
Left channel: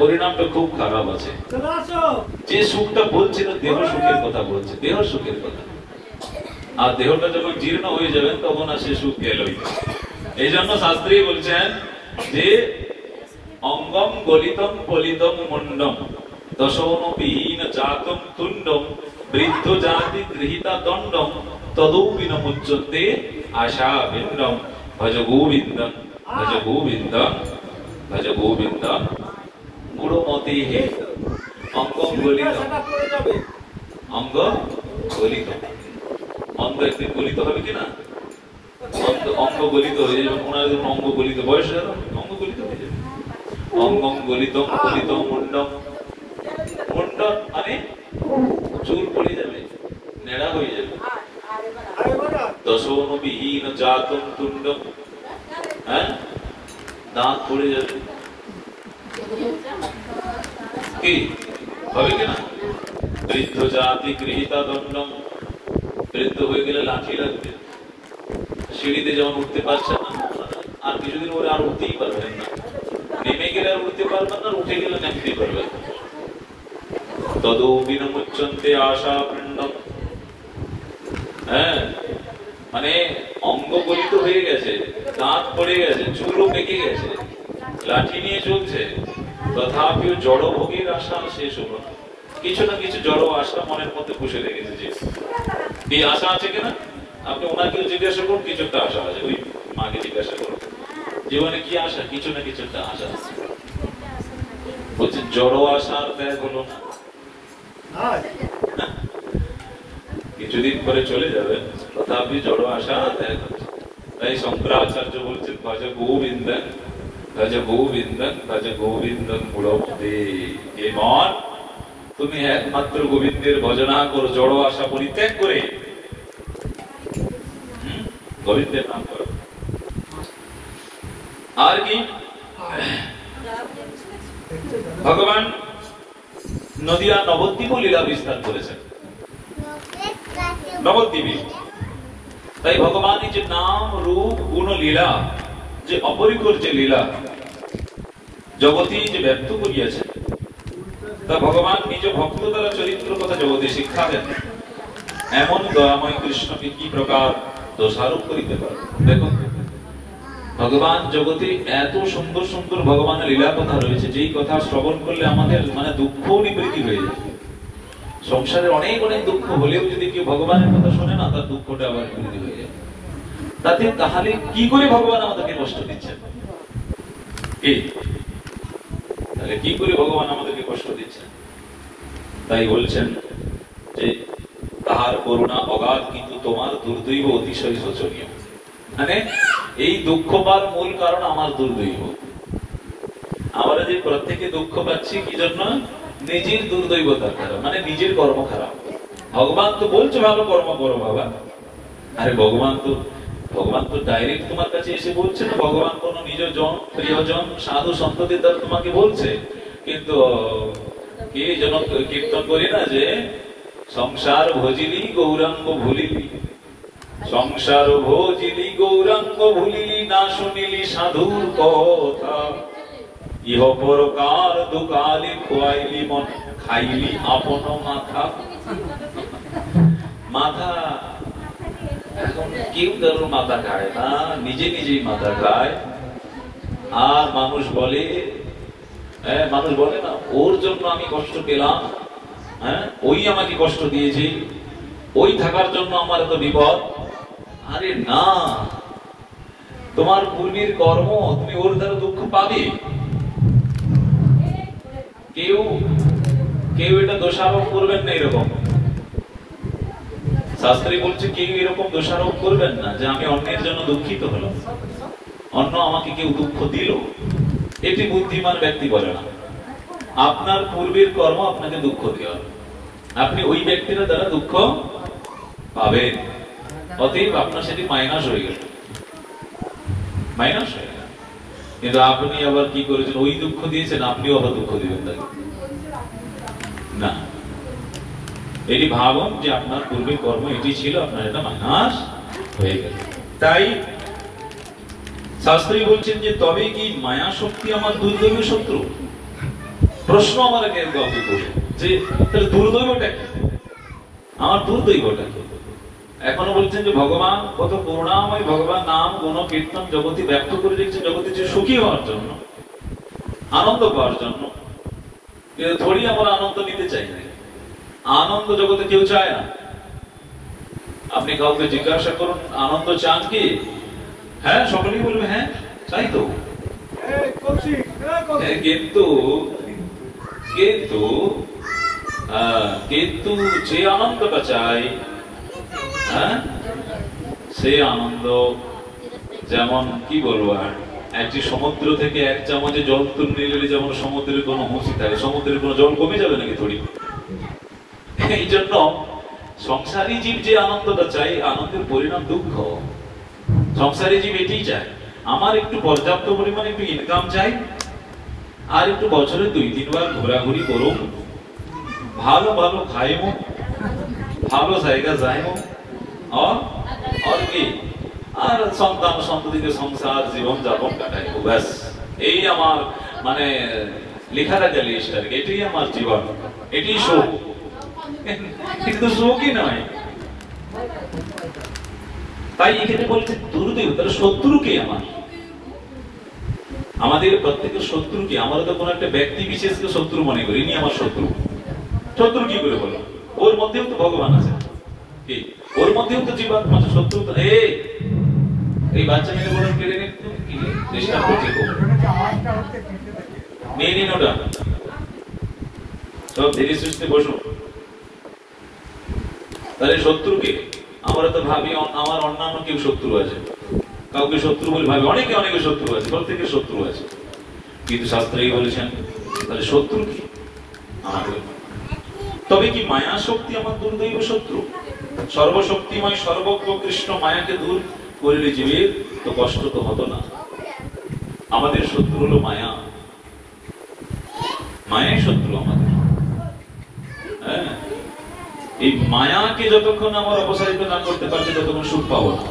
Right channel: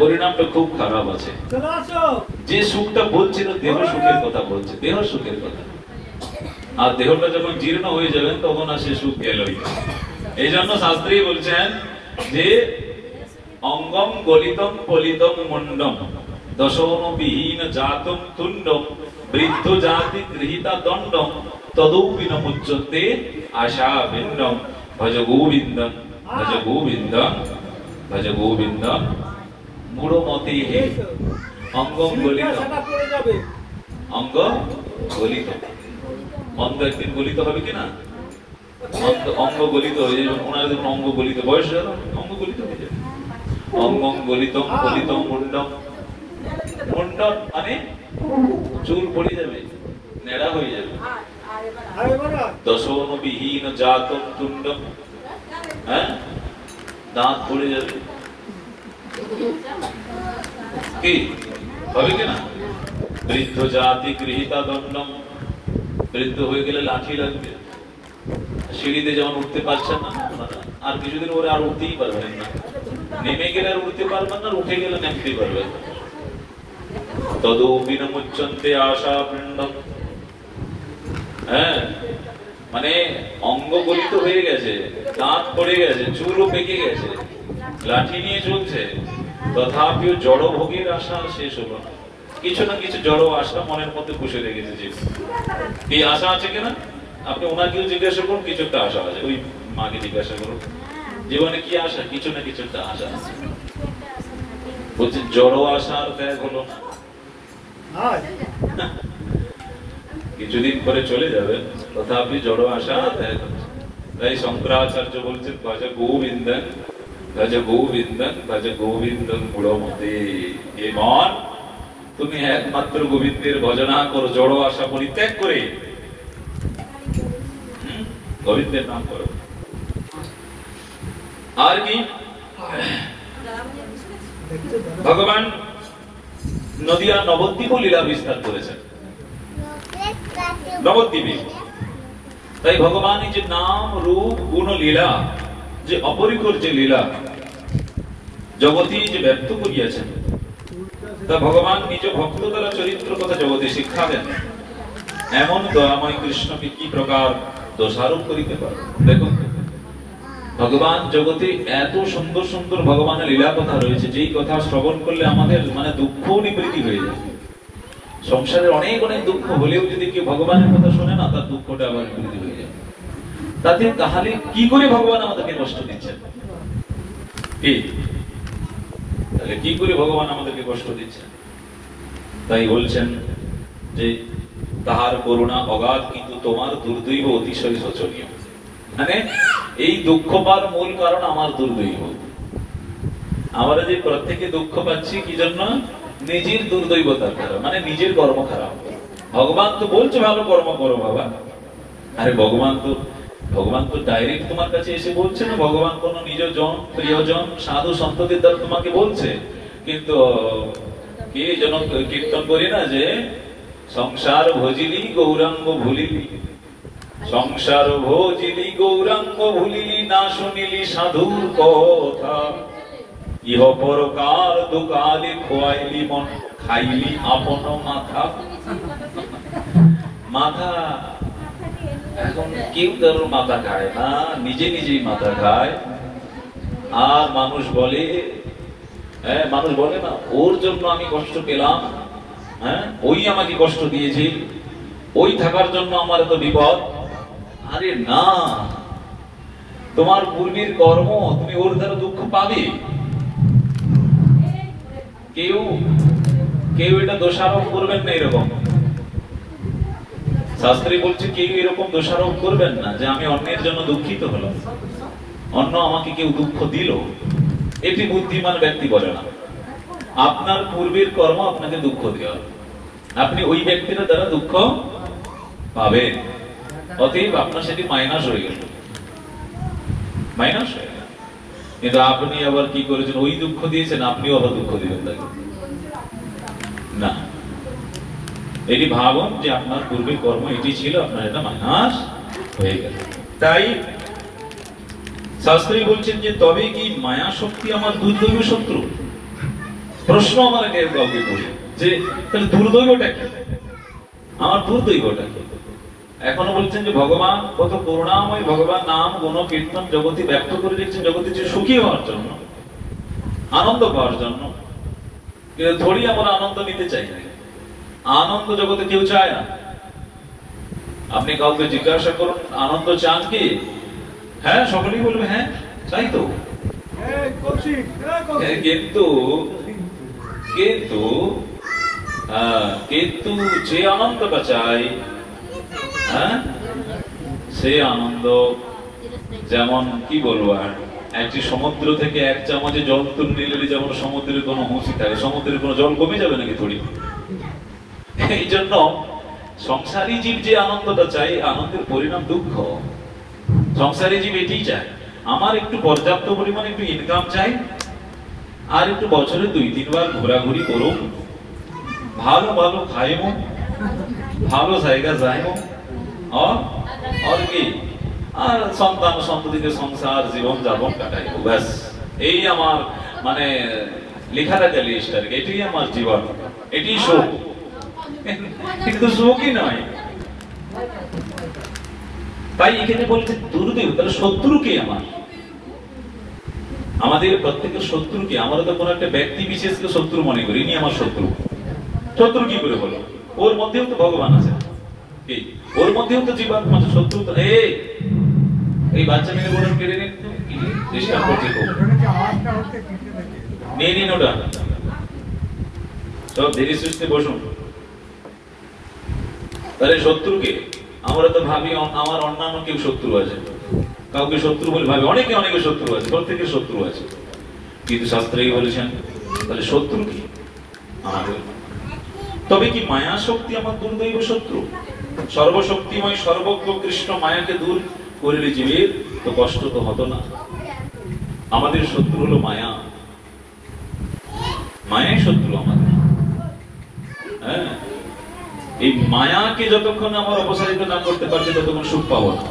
পরিণামটা খুব খারাপ আছে। যে সুখটা বলছে না, দেহ সুখের কথা বলছে, দেহ সুখের কথা। আর দেহটা যখন জীর্ণ হয়ে যাবেন তখন আর সে সুখ গেলই। এই জন্য শাস্ত্রী বলছেন যে অঙ্গম গলিতম পলিতম মুন্ডম দশমবিহীন জাতম তুণ্ডম বৃদ্ধ জাতি গৃহীতা দণ্ডম তদৌপি ন মুচ্যন্তে আশা বিন্দম ভজ গোবিন্দম ভজ গোবিন্দম ভজ গোবিন্দম মূঢ়মতি হে। অঙ্গ গলিত, অঙ্গ গলিত, অঙ্গ একদিন গলিত হবে কিনা? অঙ্গ গলিত হয়ে যাবে, ওনার অঙ্গ গলিত বয়স হয়ে গেল, অঙ্গ গলিত হয়ে যাবে। অঙ্গ গলিত গলিত মুন্ডম, মুন্ডম মানে চুল পড়ে যাবে, নেড়া হয়ে যাবে। দশম বিহীন জাতম তুণ্ডম, হ্যাঁ, দাঁত পড়ে যাবে, কি হবে কিনা? বৃদ্ধ জাতি গৃহীতা দণ্ডম, বৃদ্ধ হয়ে গেলে লাঠি লাগবে, সিঁড়িতে যেমন উঠতে পারছেন না, আর কিছুদিন পরে আর উঠতেই পারবেন না, নেমে গেলে আর উঠতে পারবেন না, উঠে গেলে নামতেই পারবেন না। তদু বিনমুচ্ছন্তে আশা পিণ্ডম, হ্যাঁ, মানে অঙ্গ গলিত হয়ে গেছে, দাঁত পড়ে গেছে, চুলও পেকে গেছে, লাঠি নিয়ে চলছে, তথাপিও জড় ভোগের আশা শেষ হলো না। কিছু না কিছু জড় আশা মনের মধ্যে পুষে রেখেছে। যে এই আশা আছে কিনা আপনি ওনাকেও জিজ্ঞাসা করুন, কিছু একটা আশা আছে, ওই মাকে জিজ্ঞাসা করুন জীবনে কি আশা, কিছু না কিছু একটা আশা আছে। বলছে জড় আশা আর ত্যাগ হলো না, কিছুদিন পরে চলে যাবে, তথাপি জড় আশা ত্যাগ হলো। তাই শঙ্করাচার্য বলছেন ভজ গোবিন্দং, ভজ গোবিন্দং, ভজ গোবিন্দং গুণমতে। হে মন, তুমি একমাত্র গোবিন্দের ভজনা করো, জড় আশা পরিত্যাগ করে গোবিন্দের নাম করো। আর কি ভগবান নদিয়া নবদ্বীপ লীলা বিস্তার করেছেন, নবদ্বীপে। তাই ভগবানের যে নাম রূপ গুণ লীলা, যে অপরিকর যে লীলা জগতে যে ব্যক্ত করিয়াছেন, তা ভগবান নিজ ভক্ত দ্বারা চরিত্র কথা জগতে শিক্ষা দেন। এমন দয়াময় কৃষ্ণকে কি প্রকার দোষারোপ করিতে পারে? দেখুন, ভগবান জগতে এত সুন্দর সুন্দর ভগবানের লীলা কথা রয়েছে, যেই কথা শ্রবণ করলে আমাদের মানে দুঃখ নিবৃত্তি হয়ে যায়। সংসারে অনেক অনেক দুঃখ হলেও যদি কেউ ভগবানের কথা শোনে না, তার দুঃখটা আবার নিবৃত্তি হয়ে যায়। তাতে তাহলে কি করে ভগবান আমাদেরকে কষ্ট দিচ্ছেন? তাহলে কি করে ভগবান আমাদেরকে কষ্ট দিচ্ছেন? তাই বলছেন যে তাহার করুণা অগাধ, কিন্তু তোমার দুর্দৈব অতিশয় শোচনীয়। মানে এই দুঃখ পাওয়ার মূল কারণ আমার দুর্দৈব। আমরা যে প্রত্যেকে দুঃখ পাচ্ছি কি জন্য? নিজের দুর্দৈবতার দ্বারা, মানে নিজের কর্ম খারাপ। ভগবান তো বলছে ভালো কর্ম করো বাবা। আরে ভগবান তো ডাইরেক্ট তোমার কাছে এসে বলছে না, ভগবান কোন নিজজন প্রিয়জন সাধু সন্তদের দ্বারা তোমাকে বলছে। কিন্তু কে যেন কীর্তন করি না যে সংসার ভজিলি গৌরাঙ্গ ভুলিলি, সংসার ভজিলি গৌরাঙ্গ ভুলিলি, না শুনিলি সাধুর কথা, ইহ পরকার দুকালি খোয়াইলি মন, খাইলি আপন মাথা। মাথা এখন কেউ কারোর মাথা খায় না, নিজে নিজেই মাথা খায়। আর মানুষ বলে না ওর জন্য আমি কষ্ট পেলাম, হ্যাঁ ওই আমাকে কষ্ট দিয়েছে, ওই থাকার জন্য আমার এত বিপদ। আরে না, তোমার পূর্বের কর্ম, তুমি ওর দ্বারা দুঃখ পাবে। কেউ এটা দোষারোপ করবেন না। এরকম শাস্ত্রে বলছে কেউ এরকম দোষারোপ করবেন না যে আমি অন্যের জন্য দুঃখিত হলাম, অন্য আমাকে কেউ দুঃখ দিল। এটি বুদ্ধিমান ব্যক্তি বলে না। আপনার পূর্বের কর্ম আপনাকে দুঃখ দেওয়া, আপনি ওই ব্যক্তির দ্বারা দুঃখ পাবেন। অতএব আপনার সেটি মাইনাস হয়ে গেল, মাইনাস হয়ে গেল। কিন্তু আপনি আবার কি করেছেন? ওই দুঃখ দিয়েছেন, আপনিও আবার দুঃখ দিবেন তাকে না। এটি ভাবুন যে আপনার পূর্বে কর্ম এটি ছিল, আপনার এটা মাইনাস হয়ে গেল। তাই শাস্ত্রী বলছেন যে তবে কি মায়া শক্তি আমার দুর্দৈব শত্রু? প্রশ্ন আমার আগে কাউকে করি যে তাহলে দুর্দৈবটা কি, আমার দুর্দৈবটা কি? এখনো বলছেন যে ভগবান কত করুণাময়, ভগবান নাম গুণ কীর্তন জগতে ব্যক্ত করে দিচ্ছেন জগতে যে সুখী হওয়ার জন্য, আনন্দ পাওয়ার জন্য। কিন্তু ধরি আমরা আনন্দ নিতে চাই না, আনন্দ জগতে কেউ চায় না। আপনি কাউকে জিজ্ঞাসা করুন আনন্দ চান কি? হ্যাঁ, সকলেই বলবে হ্যাঁ চাই তো। কিন্তু কিন্তু যে আনন্দটা চাই, হ্যাঁ, সে আনন্দ যেমন কি বলবো, আর একটি সমুদ্র থেকে এক চামচে জল তুলে নিলে যেমন সমুদ্রের কোনো হুঁচি থাকে, সমুদ্রের কোনো জল কমে যাবে নাকি থোড়ি? এই জন্য সংসারী জীব যে আনন্দটা চাই, আনন্দের পরিণাম দুঃখ। সংসারী জীব এটি চায়, আমার একটু পর্যাপ্ত পরিমাণে একটু ইনকাম চাই, আর একটু বছরে 2-3 বার ঘোরাঘুরি করুন, ভালো ভালো খাইব, ভালো জায়গা যাইব, আর কি, আর সন্তান সন্ততিকে সংসার জীবন যাপন কাটাইব, ব্যাস। এই আমার মানে লেখা থাকে লিস্ট আর কি, এটাই আমার জীবন, এটি সুখ। কিন্তু সুখই নয়। তাই এখানে বলছে দুর্দেব, তাহলে শত্রু কে আমার? আমাদের প্রত্যেকের শত্রু কে? আমরা তো কোন একটা ব্যক্তি বিশেষকে শত্রু মনে করি, ইনি আমার শত্রু। শত্রু কি করে হলো? ওর মধ্যেও তো ভগবান আছে, কি ওর মধ্যেও তো জীবন আছে, শত্রু তো। এই বাচ্চা মেয়ে বলে কেড়ে নিন, ডিস্টার্ব করতে নিয়ে নিন ওটা, সব ধীরে সুস্থে বসুন। তাহলে শত্রু কে? আমরা তো ভাবি আমার অন্যান্য কেউ শত্রু আছে, কাউকে শত্রু বলে ভাবে, অনেকে অনেকে শত্রু আছে, প্রত্যেকের শত্রু আছে। কিন্তু শাস্ত্রেই বলেছেন তাহলে শত্রু কি আমাদের? তবে কি মায়া শক্তি আমার দুর্দৈব শত্রু? সর্বশক্তিময় সর্বজ্ঞ কৃষ্ণ মায়াকে দূর করলে জীবের তো কষ্ট তো হতো না। আমাদের শত্রু হলো মায়া, মায়াই শত্রু আমাদের। হ্যাঁ, এই মায়াকে যতক্ষণ আমরা অপসারিত না করতে পারছি ততক্ষণ সুখ পাবো না,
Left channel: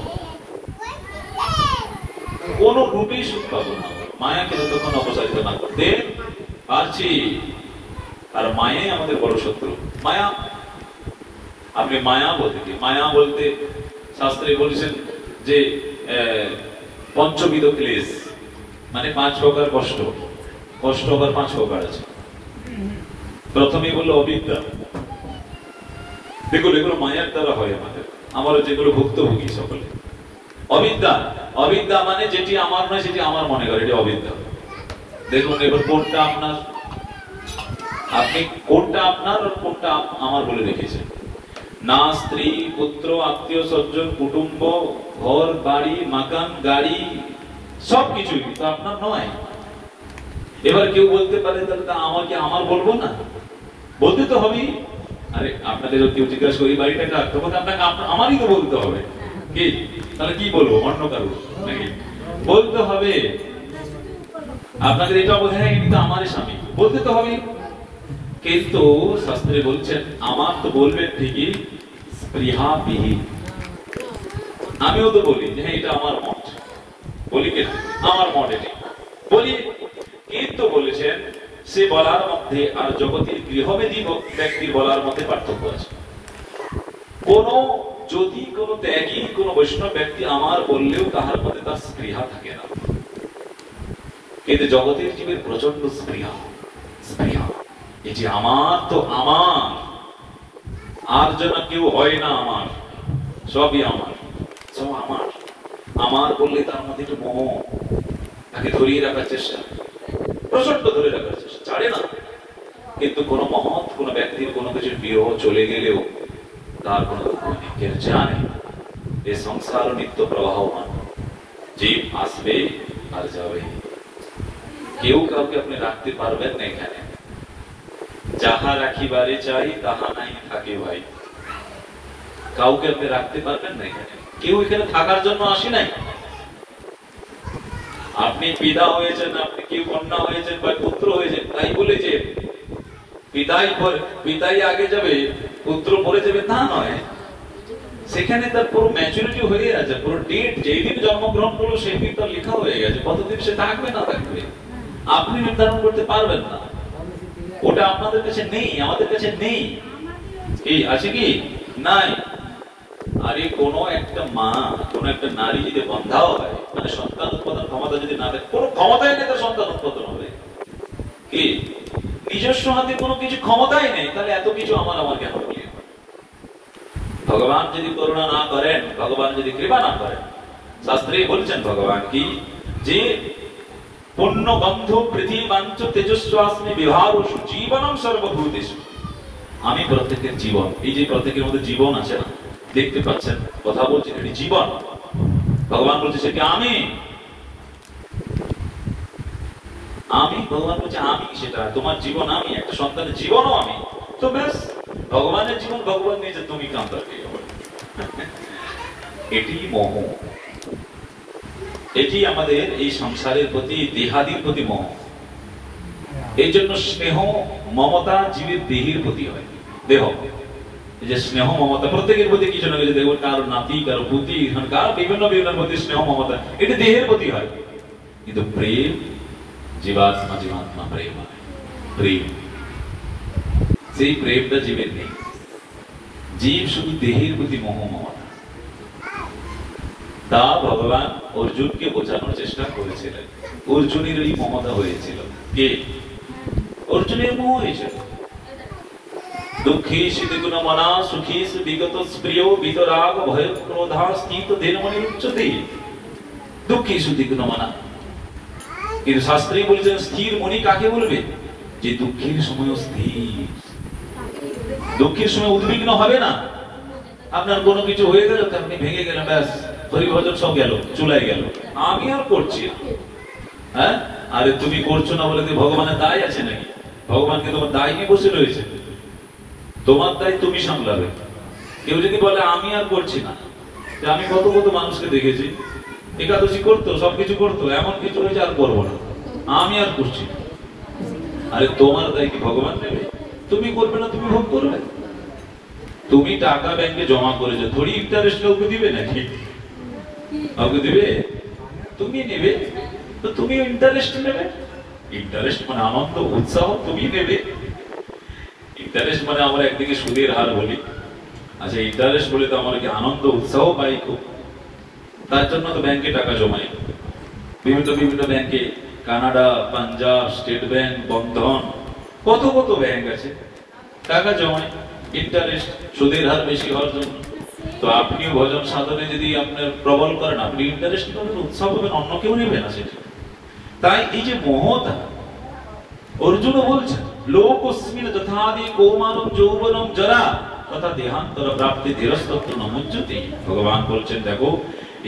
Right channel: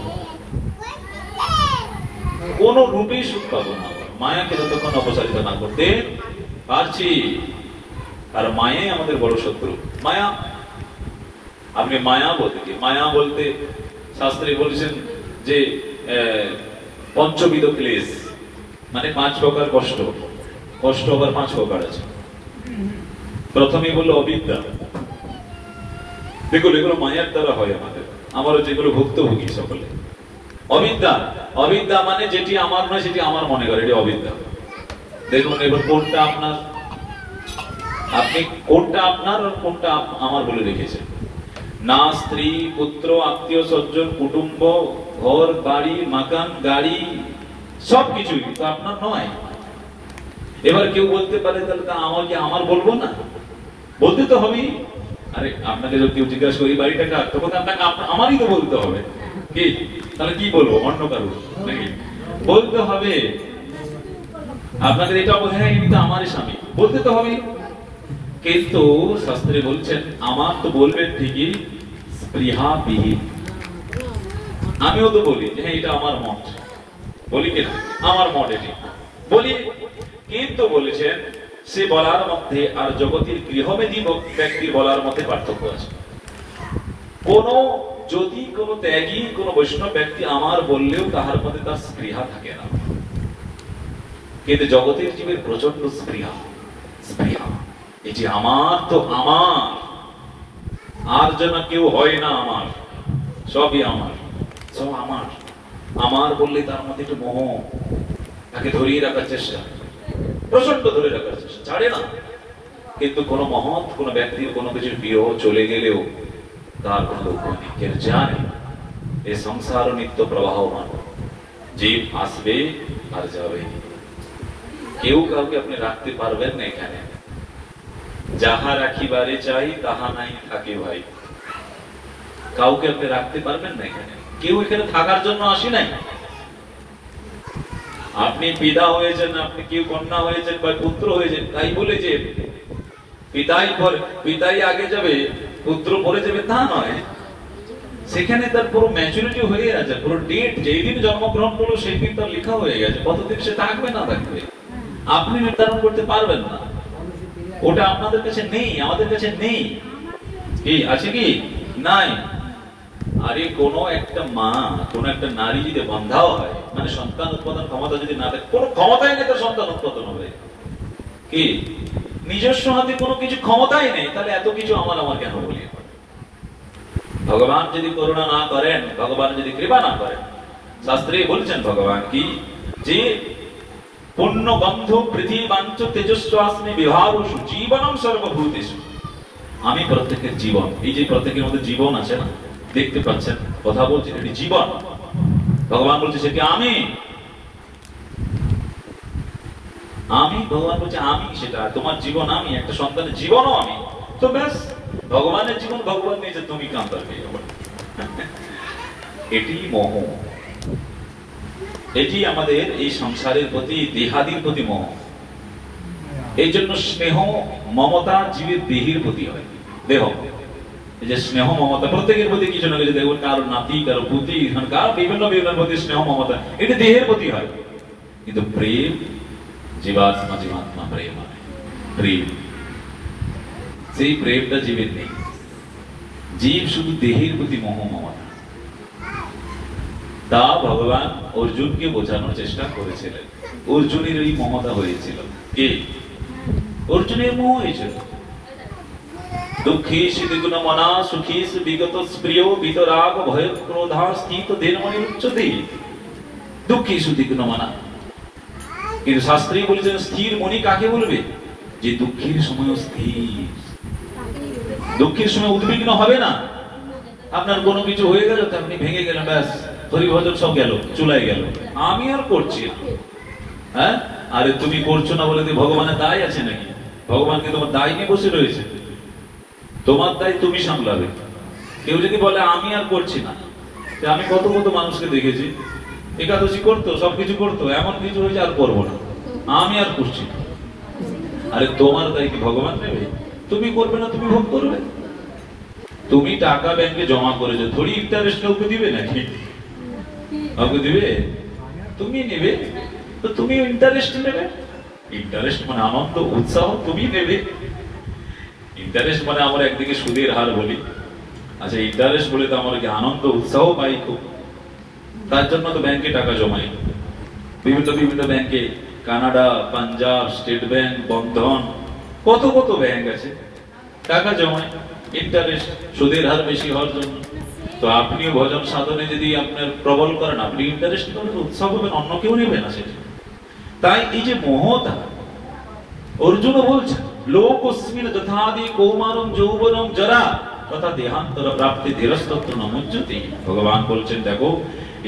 কোন রূপেই সুখ পাবো না। মায়াকে যতক্ষণ অপসারিত না করতে পারছি, আর মায়াই আমাদের বড় শত্রু। মায়া, আপনি মায়া বলতে কি? মায়া বলতে শাস্ত্রে বলেছেন যে পঞ্চবিধ ক্লেশ, মানে 5 প্রকার কষ্ট। কষ্ট আবার 5 প্রকার আছে। প্রথমে বললো অবিদ্যা। দেখুন এগুলো মায়ার দ্বারা হয় আমাদের, আমরা যেগুলো ভুক্তভোগী সকলে। অবিদ্যা, অবিদ্যা মানে যেটি আমার নয় সেটি আমার মনে করে, এটি অবিদ্যা। দেখুন এবার কোনটা আপনার, আপনি কোনটা আপনার আর কোনটা আমার বলে রেখেছেন। না স্ত্রী পুত্র আত্মীয় স্বজন কুটুম্ব ঘর বাড়ি মাকান গাড়ি সবকিছু তো আপনার নয়। এবার কেউ বলতে পারে তাহলে তা আমাকে আমার বলবো না, বলতে তো হবেই। আরে আপনাকে যদি কেউ জিজ্ঞাসা করি বাড়িটা কার, তখন আপনাকে আমারই তো বলতে হবে, কি তাহলে কি বলবো অন্য কারো নাকি? বলতে হবে। আপনাকে এটা বলে হ্যাঁ এটা আমারই স্বামী, বলতে তো হবে। কিন্তু শাস্ত্রে বলছেন আমার তো বলবেন ঠিকই স্পৃহা বিহীন। আমিও তো বলি যে হ্যাঁ এটা আমার মত, বলি কেন আমার মত এটি বলি, কিন্তু বলেছেন সে বলার মধ্যে আর জগতের গৃহমেধী ব্যক্তির বলার মধ্যে পার্থক্য আছে। যদি কোন ত্যাগী কোন বৈষ্ণব ব্যক্তি আমার বললেও তাহার মধ্যে তার স্পৃহা থাকে না, কিন্তু জগতের জীবের প্রচন্ড স্পৃহা। স্পৃহা এটি আমার তো আমার, আর যেন কেউ হয় না আমার, সবই আমার, সব আমার। আমার বললে তার মধ্যে একটু মোহ, তাকে ধরিয়ে রাখার চেষ্টা, প্রচন্ড ধরে রাখার চেষ্টা, ছাড়ে না। কিন্তু কোন মহৎ কোন ব্যক্তির কোনো কিছু বিয়োগ চলে গেলেও তার কোন দুঃখ নেই, কেন জানে এই সংসার নিত্য প্রবাহমান, জীব আসবে আর যাবে। কেউ কাউকে আপনি রাখতে পারবেন না এখানে। যাহা রাখিবারে চাই তাহা নাই থাকে ভাই, কাউকে আপনি রাখতে পারবেন না এখানে। কেউ এখানে থাকার জন্য আসি নাই। আপনি পিতা হয়েছেন, আপনি কেউ কন্যা হয়েছেন বা পুত্র হয়েছেন, তাই বলে যে পিতাই আগে যাবে পুত্র পরে যাবে তা নয়। সেখানে তার পুরো ম্যাচুরিটি হয়ে আছে, পুরো ডেট যেই দিন জন্মগ্রহণ করলো সেই দিন তার লেখা হয়ে গেছে, কতদিন সে থাকবে না থাকবে আপনি নির্ধারণ করতে পারবেন না। ওটা আপনাদের কাছে নেই, আমাদের কাছে নেই। কি আছে কি নাই? আরে কোন একটা মা কোন একটা নারী যদি বন্ধাও হয়, মানে সন্তান উৎপাদন ক্ষমতা যদি না থাকে, কোন ক্ষমতাই নেই তার সন্তান উৎপাদন হবে, কি নিজস্ব হাতে কোনো কিছু ক্ষমতাই নেই, তাহলে এত কিছু আমার কেন বলি? ভগবান যদি করুণা না করেন, ভগবান যদি কৃপা না করেন, শাস্ত্রে বলছেন ভগবান কি যে পুণ্য বন্ধু পৃথিবীবাঞ্চ তেজস্বাস্মি বিভাবসু জীবনম সর্বভূতেষু। আমি প্রত্যেকের জীবন, এই যে প্রত্যেকের মধ্যে জীবন আছে, দেখতে পাচ্ছেন, কথা বলছি, এটি জীবন। ভগবান বলছে সে কি আমি, ভগবান বলছে আমি সেটা, তোমার জীবন আমি, একটা সন্তানের জীবনও আমি। তো ব্যাস, ভগবানের জীবন ভগবান নিয়েছে, তুমি কান্ত। এটি মোহ, এটি আমাদের এই সংসারের প্রতি, দেহাদির প্রতি মোহ। এই জন্য স্নেহ মমতা জীবের দেহের প্রতি হয়। দেহ, এই যে স্নেহ মমতা প্রত্যেকের প্রতি কিছু না কিছু, দেখবেন কারো নাতি, কারো পুতি, কার বিভিন্ন বিভিন্ন প্রতি স্নেহ মমতা, এটি দেহের প্রতি হয়। কিন্তু প্রেম জীবাত্মা, জীবাত্মা প্রেম হয়, প্রেম, সেই প্রেমটা জীবের নেই। জীব শুধু দেহের প্রতি মোহ মমতা। তা ভগবান অর্জুনকে বোঝানোর চেষ্টা করেছিলেন। অর্জুনের ওই মমতা হয়েছিল, কে? অর্জুনের মোহ হয়েছিল। দুঃখী শিদিগুণ মনা সুখী বিগত প্রিয় বিতরাগ ভয় ক্রোধা স্থিত দেনমণি উচ্চতে। দুঃখী সুদিগুণ মনা, কিন্তু শাস্ত্রী বলেছেন স্থির মনি কাকে বলবে? যে দুঃখের সময় স্থির, দুঃখের সময় উদ্বিগ্ন হবে না। আপনার কোনো কিছু হয়ে গেল, আপনি ভেঙে গেলেন, ব্যাস হরিভজন সব গেল, চুলাই গেল, আমি আর করছি না। হ্যাঁ, আরে তুমি করছো না বলে ভগবানের দায় আছে নাকি? ভগবানকে তোমার দায় নিয়ে বসে রয়েছে, তোমার দায় তুমি সামলাবে। কেউ যদি বলে আমি আর করছি না, আমি কত কত মানুষকে দেখেছি একাদশী করতো, সবকিছু করতো, এমন কিছু হয়েছে আর করবো না, আমি আর করছি না। আরে তোমার দায় কি ভগবান নেবে? তুমি করবে না, তুমি ভোগ করবে। তুমি টাকা ব্যাংকে জমা করেছো, থোড়ি ইন্টারেস্ট কাউকে দিবে নাকি? কাউকে দিবে? তুমি নেবে, তো তুমি ইন্টারেস্ট নেবে। ইন্টারেস্ট মানে আনন্দ উৎসাহ, তুমি নেবে। ইন্টারেস্ট মানে আমরা একদিকে সুদের হার বলি, আচ্ছা ইন্টারেস্ট বলে তো আমরা কি আনন্দ উৎসাহ পাই খুব। তার জন্য তো ব্যাংকে টাকা জমাই, বিভিন্ন বিভিন্ন ব্যাংকে, কানাডা, পাঞ্জাব, স্টেট ব্যাংক, বন্ধন, কত কত ব্যাংক আছে, টাকা জমায়, ইন্টারেস্ট, সুদের হার বেশি হওয়ার জন্য। তো আপনিও ভজন সাধনে যদি আপনার প্রবল করেন, আপনি ইন্টারেস্ট করবেন, উৎসাহ করবেন, অন্য কেউ নেবে না সেটা। তাই এই যে মোহতা, অর্জুন বলছেন লোকস্মিন যথাদি কৌমারম যৌবনম জরা তথা দেহান্তর প্রাপ্তি ধীরস্তত্ব নমজ্জতি। ভগবান বলছেন দেখো,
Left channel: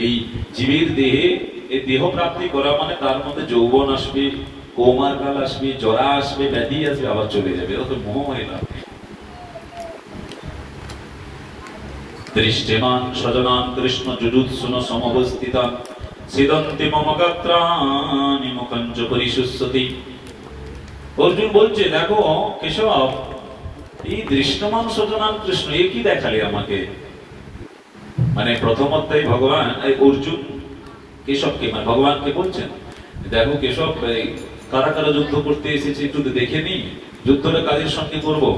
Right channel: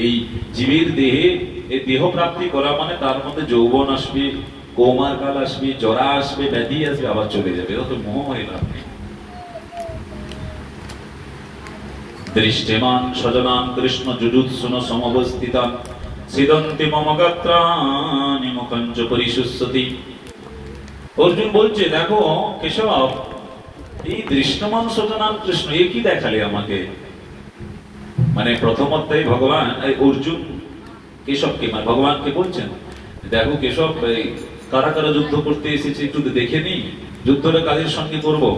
এই জীবের দেহে, এই দেহ প্রাপ্তি করা মানে তার মধ্যে যৌবন আসবে, কৌমার কাল আসবে, জরা আসবে, ব্যাধি আসবে, আবার চলে যাবে। এটা তো মোহ হয় না। দৃষ্টিমান সজনান কৃষ্ণ যুজুৎসুন সমবস্থিতান সিদন্তি মম গাত্রাণি মুখঞ্চ পরিশুষ্যতি। অর্জুন বলছে দেখো কেশব, এই দৃষ্টমান সজনান কৃষ্ণ, এ কি দেখালে আমাকে? মানে প্রথম অধ্যায়ে ভগবান অর্জুন কেশবকে, মানে ভগবানকে বলছেন দেখো কেশব, কারা কারা যুদ্ধ করতে এসেছে একটু দেখে নি, যুদ্ধটা কাদের সঙ্গে করবো।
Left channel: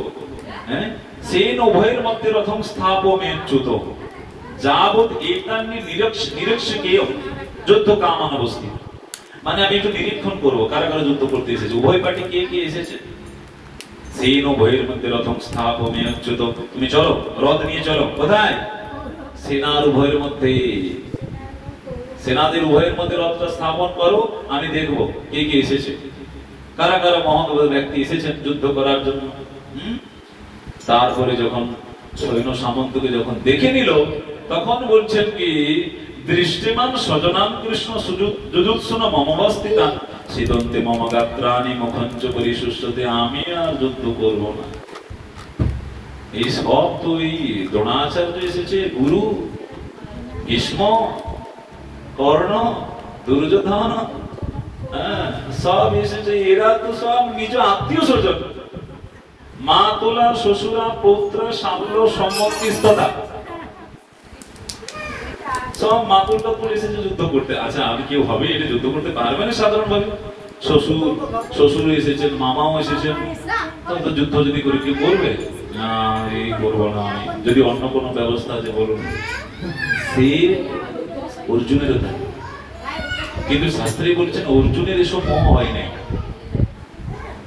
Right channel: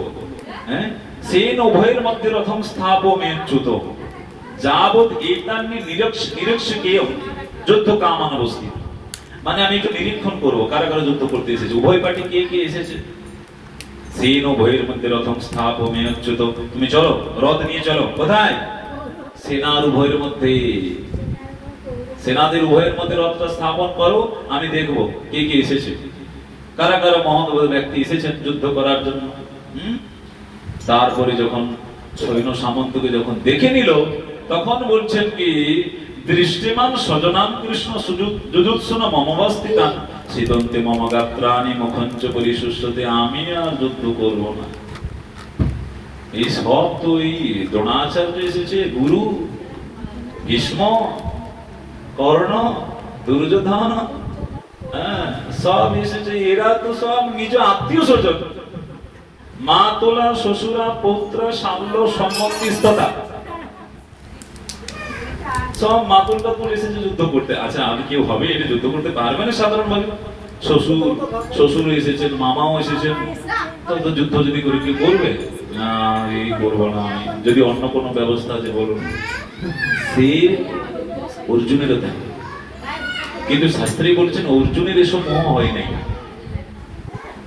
হ্যাঁ, সেন উভয়ের মধ্যে রথম স্থাপমেচ্যুত যাবৎ একান্নি নিরীক্ষকেয় যুদ্ধ কামান অবস্থিত। মানে আমি একটু নিরীক্ষণ করবো কারা কারা যুদ্ধ করতে এসেছে, উভয় পার্টি কে কে এসেছে। সেন উভয়ের মধ্যে রথম স্থাপমেচ্যুত, তুমি চলো, রথ নিয়ে চলো। কোথায়? সেনার উভয়ের মধ্যে, সেনাদের উভয়ের মধ্যে রথটা স্থাপন করো, আমি দেখবো কে কে এসেছে, কারা কারা মহৎ ব্যক্তি এসেছেন যুদ্ধ করার জন্য। তারপরে যখন সৈন্য সামন্তকে যখন দেখে নিল, তখন বলছেন কি দৃষ্টিমান সজনাম কৃষ্ণ যুজুৎসুন মমবস্থিতান সিদন্তে মম গাত্রাণি মুখঞ্চ পরিশুষ্যতে। আমি আর যুদ্ধ করব না। এই সব তো এই দ্রোণাচার্য এসেছে, গুরু ভীষ্ম, কর্ণ, দুর্যোধন, সব এসেছে। এরা তো সব নিজ আত্মীয় স্বজন, মা তোলা, শ্বশুরা, পৌত্র, সামল, সম্মতিস্ততা, সব মাতুল টাতুল এসেছে যুদ্ধ করতে। আচ্ছা আর কেউ হবে এটা যুদ্ধ করতে পারবে না সাধারণ ভাবে? শ্বশুর এসেছেন, মামাও এসেছেন, তো যুদ্ধ যদি করে কি করবে? না, এই করবো না, যদি অন্য কোনো ব্যবস্থা আছে বলুন। সে অর্জুনের কথা, কিন্তু শাস্ত্রী বলছেন অর্জুনের এসব মোহ হয় নাই।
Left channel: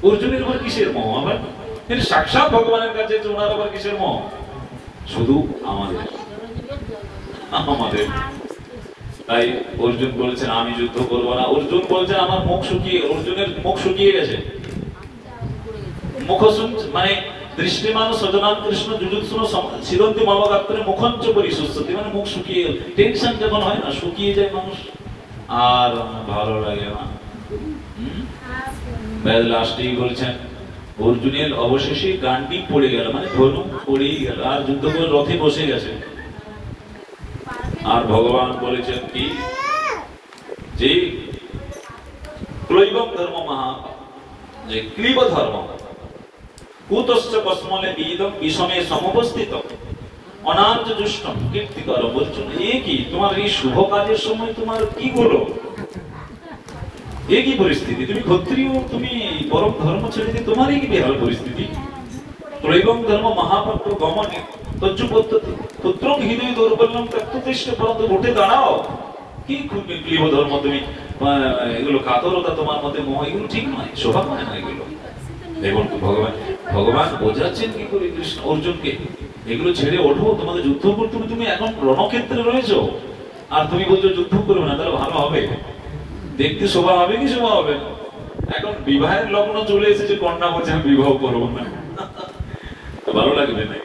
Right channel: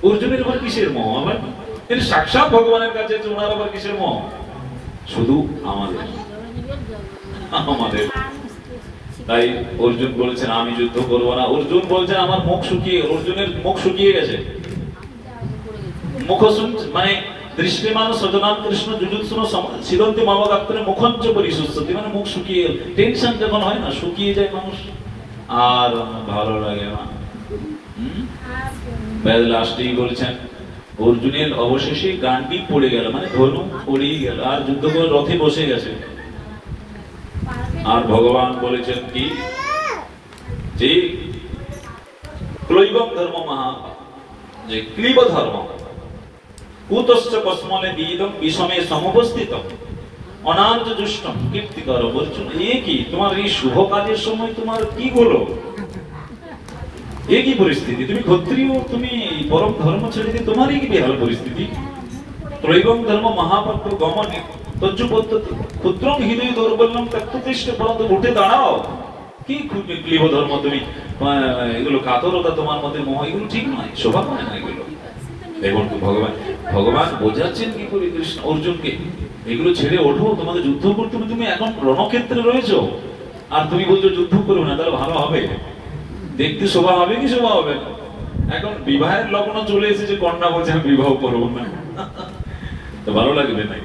অর্জুনের উপর কিসের মোহ? আবার সাক্ষাৎ ভগবানের কাছে ওনার আবার কিসের মোহ? শুধু আমাদের। তাই অর্জুন বলছেন আমি যুদ্ধ করবো না। অর্জুন বলছেন আমার মুখ শুকিয়ে, অর্জুনের মুখ শুকিয়ে গেছে। মুখ মানে দৃষ্টিমান সজনান কৃষ্ণ যুজুৎসুনো সিদন্তি মমগাত্রে মুখঞ্চ পরিশুষ্যতি, মানে মুখ শুকিয়ে গেল। টেনশন যখন হয় না, শুকিয়ে যায় মানুষ, আর ভালো লাগে না। লাস্টেই বলছেন অর্জুনের অবশেষে গান্ডি পড়ে গেল, মানে ধনু পড়েই গেল, আর যুদ্ধ করে রথে বসে গেছে। আর ভগবান বলেছেন কি, যে ত্রৈবম ধর্ম মহা, যে ক্লীব ধর্ম কুতশ্চ কস্মনে বিদম বিষমে সমুপস্থিত অনার্য দুষ্টম কীর্তিকর। বলছেন এ কি, তোমার এই শুভ কাজের সময় তোমার কি হলো, এ কি পরিস্থিতি, তুমি ক্ষত্রিয়, তুমি পরম ধর্ম ছেড়ে দিয়ে তোমারই কি বেহাল পরিস্থিতি। ত্রৈবম ধর্ম মহাপাত্র গমনে তজ্জু পদ্ধতি পুত্রং হৃদয় দৌর্বল্যম তত্ত্বতিষ্ঠ, পরন্তু উঠে দাঁড়াও। কি খুব ক্লীব ধর্ম, তুমি এগুলো কাতরতা, তোমার মধ্যে মোহ, এগুলো ঠিক নয়, শোভা পায় না এগুলো। দেখুন ভগবান বোঝাচ্ছেন কি করে কৃষ্ণ অর্জুনকে, এগুলো ছেড়ে ওঠো, তোমাকে যুদ্ধ করতে হবে, তুমি এখন রণক্ষেত্রে রয়েছো, আর তুমি বলছো যুদ্ধ করবে না, তাহলে ভালো হবে, দেখতে শোভা হবে কি শোভা হবে না। এখন বিবাহের লগ্ন চলে এসেছে, কন্যা বলছে আমি বিবাহ করবো না, তো ভালো লাগবে না।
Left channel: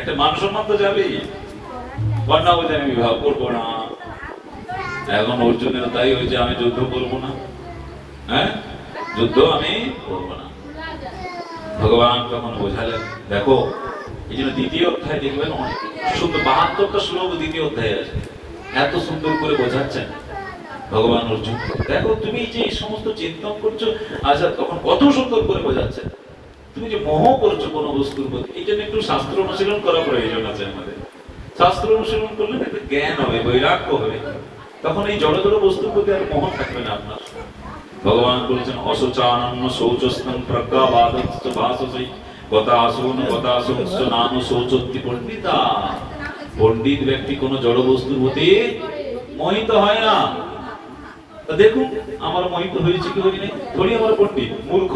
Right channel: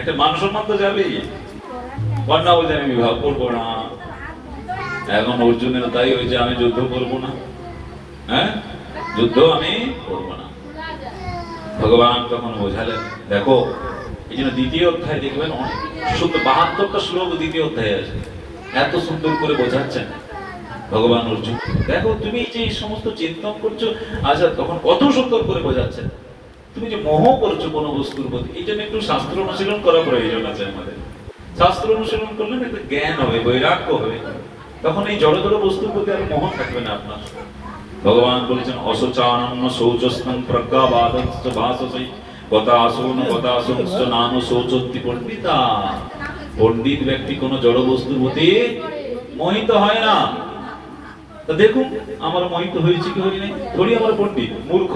একটা মান সম্মান তো যাবেই, কন্যা বলছে আমি বিবাহ করবো না। এখন অর্জুনের তাই হয়েছে, আমি যুদ্ধ করবো না, হ্যাঁ যুদ্ধ আমি করবো না। ভগবান তখন বোঝালেন, দেখো এই জন্য দ্বিতীয় অধ্যায় দেখবেন অনেক সুন্দর, 72টা শ্লোক দ্বিতীয় অধ্যায়ে আছে, এত সুন্দর করে বোঝাচ্ছেন ভগবান অর্জুন। দেখো তুমি যে এই সমস্ত চিন্তন করছো, আচ্ছা তখন কত সুন্দর করে বোঝাচ্ছেন, তুমি যে মোহ করছো কোন বস্তুর প্রতি, এই জন্য একটু শাস্ত্র অনুশীলন করা প্রয়োজন আছে আমাদের। শাস্ত্র অনুশীলন করলে একটা জ্ঞান হবে, বৈরাগ্য হবে, তখন এই জড় জড় বস্তুর প্রতি আর মোহ থাকবে না আপনার। ভগবান বলেছেন অশোচানন্য শৌচস্তম প্রজ্ঞাবাদস্য ভাসসে গতাসুন গতাসুনস্য নাম শৌচোক্তি পণ্ডিতা। পণ্ডিত ব্যক্তি কোন জড় বস্তুর প্রতি মোহিত হয় না। তা দেখুন আমার মোহিত হয়েছে কি হয়নি, থোড়ি আমার পণ্ডিত, মূর্খ।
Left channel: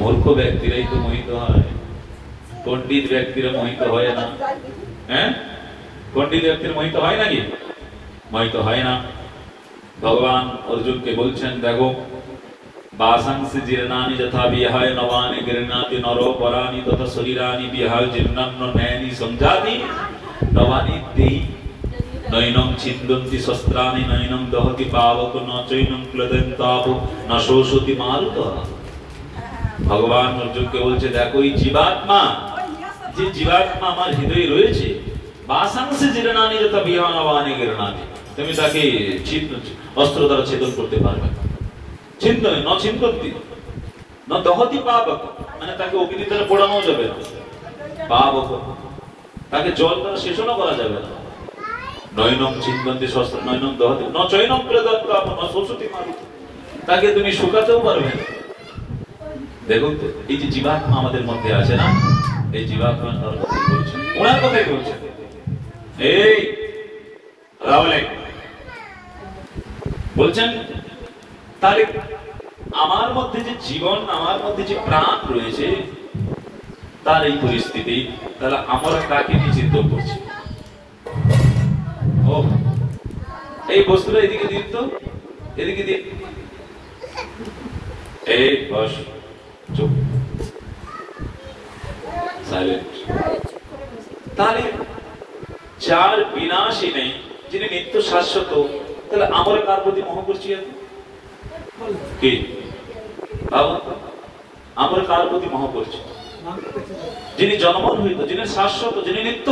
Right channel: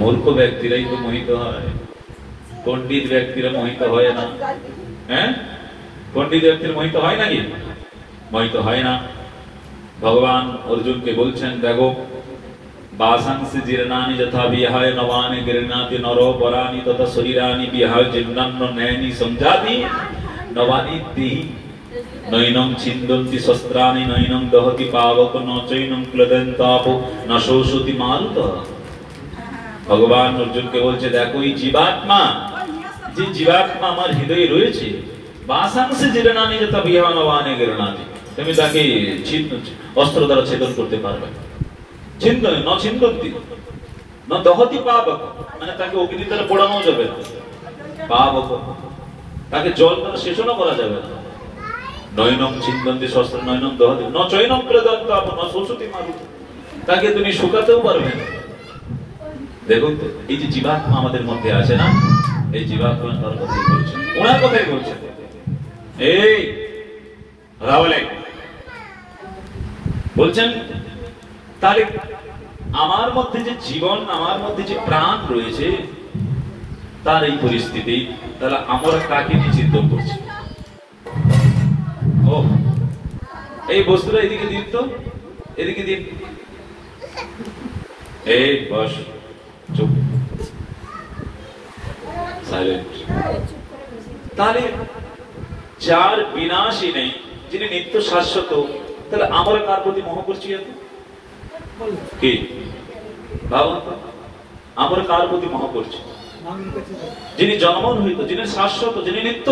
মূর্খ ব্যক্তিরাই তো মোহিত হয়, পণ্ডিত ব্যক্তিরা মোহিত হয় না। হ্যাঁ, পণ্ডিত ব্যক্তির মোহিত হয় নাকি? মোহিত হয় না। ভগবান অর্জুনকে বলছেন, দেখো বাসাংসি জীর্ণানি যথা বিহায় নবানি গৃহ্ণাতি নরো পরানি তথা শরীরানি বিহায় জীর্ণান্ন নয়নি সংজাতি নবানি দেহি নৈনং ছিন্দন্তি শস্ত্রাণি নৈনং দহতি পাবক ন চৈনং ক্লদন্তাপ ন শোষতি মারুতঃ। ভগবান অর্জুনকে বলছে, দেখো এই জীবাত্মা, যে জীবাত্মা আমার হৃদয়ে রয়েছে, বাসাংসি জীর্ণানি যথা বিহায় নবানি গৃহ্ণাতি, তুমি তাকে অস্ত্র দ্বারা ছেদন করতে পারবে না। ছিন্দন ন ছিন্দন্তি ন দহতি পাবক, মানে তাকে অগ্নি দ্বারা পোড়ানো যাবে না। পাবক, তাকে জল দ্বারা শেষণও করা যাবে না। নৈনম ছিন্দন্তি শস্ত্র নৈনম দহতি ন চৈনম ক্লদন্তাপ ন শোষতি মারুতঃ, তাকে তুমি শুকাতেও পারবে না। দেখুন তো এই যে জীবাত্মা আমাদের মধ্যে আছে না, এই জীবাত্মার কথাই বলছেন, ওনার কথাই বলছেন। এই রাওয়ালে বলছেন, তাহলে আমার মধ্যে যে জীবন, আমার মধ্যে যে প্রাণ রয়েছে, তার এই পরিস্থিতি, তাহলে আমরা কাকে নিয়ে চিন্তা করছি? ও এই বস্তুটা এদিকে দিন তো, এদিকে দিন। এই বস, চুপ, সাইলেন্ট। তাহলে যার বিনাশী নেই, যিনি নিত্য শাশ্বত, তাহলে আমরা কার প্রতি মোহ করছি? কি ভাবুন, আমরা কার প্রতি মোহ করছি? যিনি জন্মন হইত, যিনি শাশ্বত, যিনি নিত্য,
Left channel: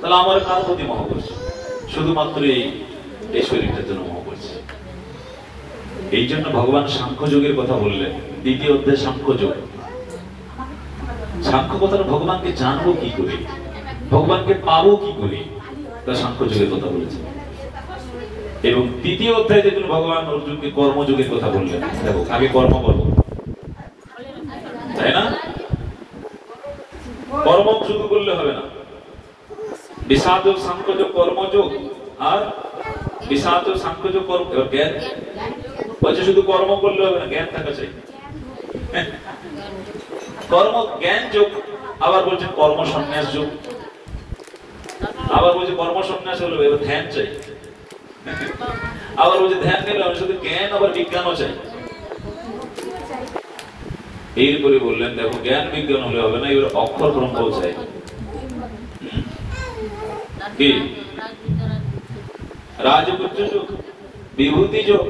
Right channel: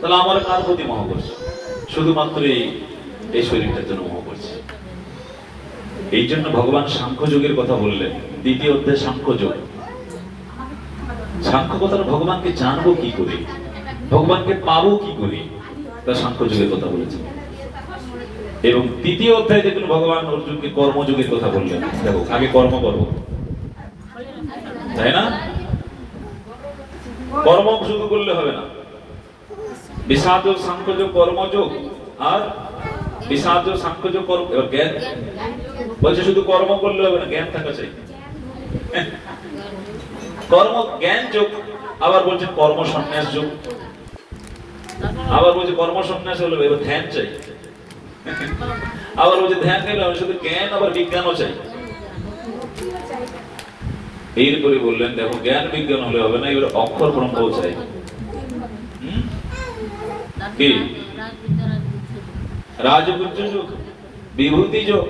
তাহলে আমরা কার প্রতি মোহ করছি? শুধুমাত্র এই শরীরটার জন্য মোহ করছি। এই জন্য ভগবান সাংখ্য যোগের কথা বললেন, দ্বিতীয় অধ্যায় সাংখ্য যোগ। সাংখ্য কথার ভগবানকে জানবো কি করে, ভগবানকে পাবো কি করে, তা সাংখ্য যোগের কথা বলেছেন। এবং তৃতীয় অধ্যায় দেখুন ভগবান অর্জুনকে কর্মযোগের কথা বললেন। দেখো আগে কর্ম করবো, তাই না? কর্ম শুধু করলে হবে না, বিষাদ সাংখ্যযোগ কর্মযোগ, আর বিষাদ সাংখ্যযোগ কর্ম, জ্ঞান বলছে শুধু কর্ম করলে হবে না, জ্ঞান থাকা চাই। কর্ম জ্ঞান যোগ, আবার বলছে কর্ম সন্ন্যাস যোগ, আবার বলছে কর্ম সন্ন্যাস হলো এবার ধ্যান চাই, আবার বলছে ধ্যান নিলে শুধু জ্ঞান, আবার বিজ্ঞানও চাই। এরপরে বললেন দেখো জ্ঞান বিজ্ঞান হলে হবে না, এবার অক্ষর ব্রহ্ম চাই। কি রাজপুত্র যোগ, বিভূতি যোগ।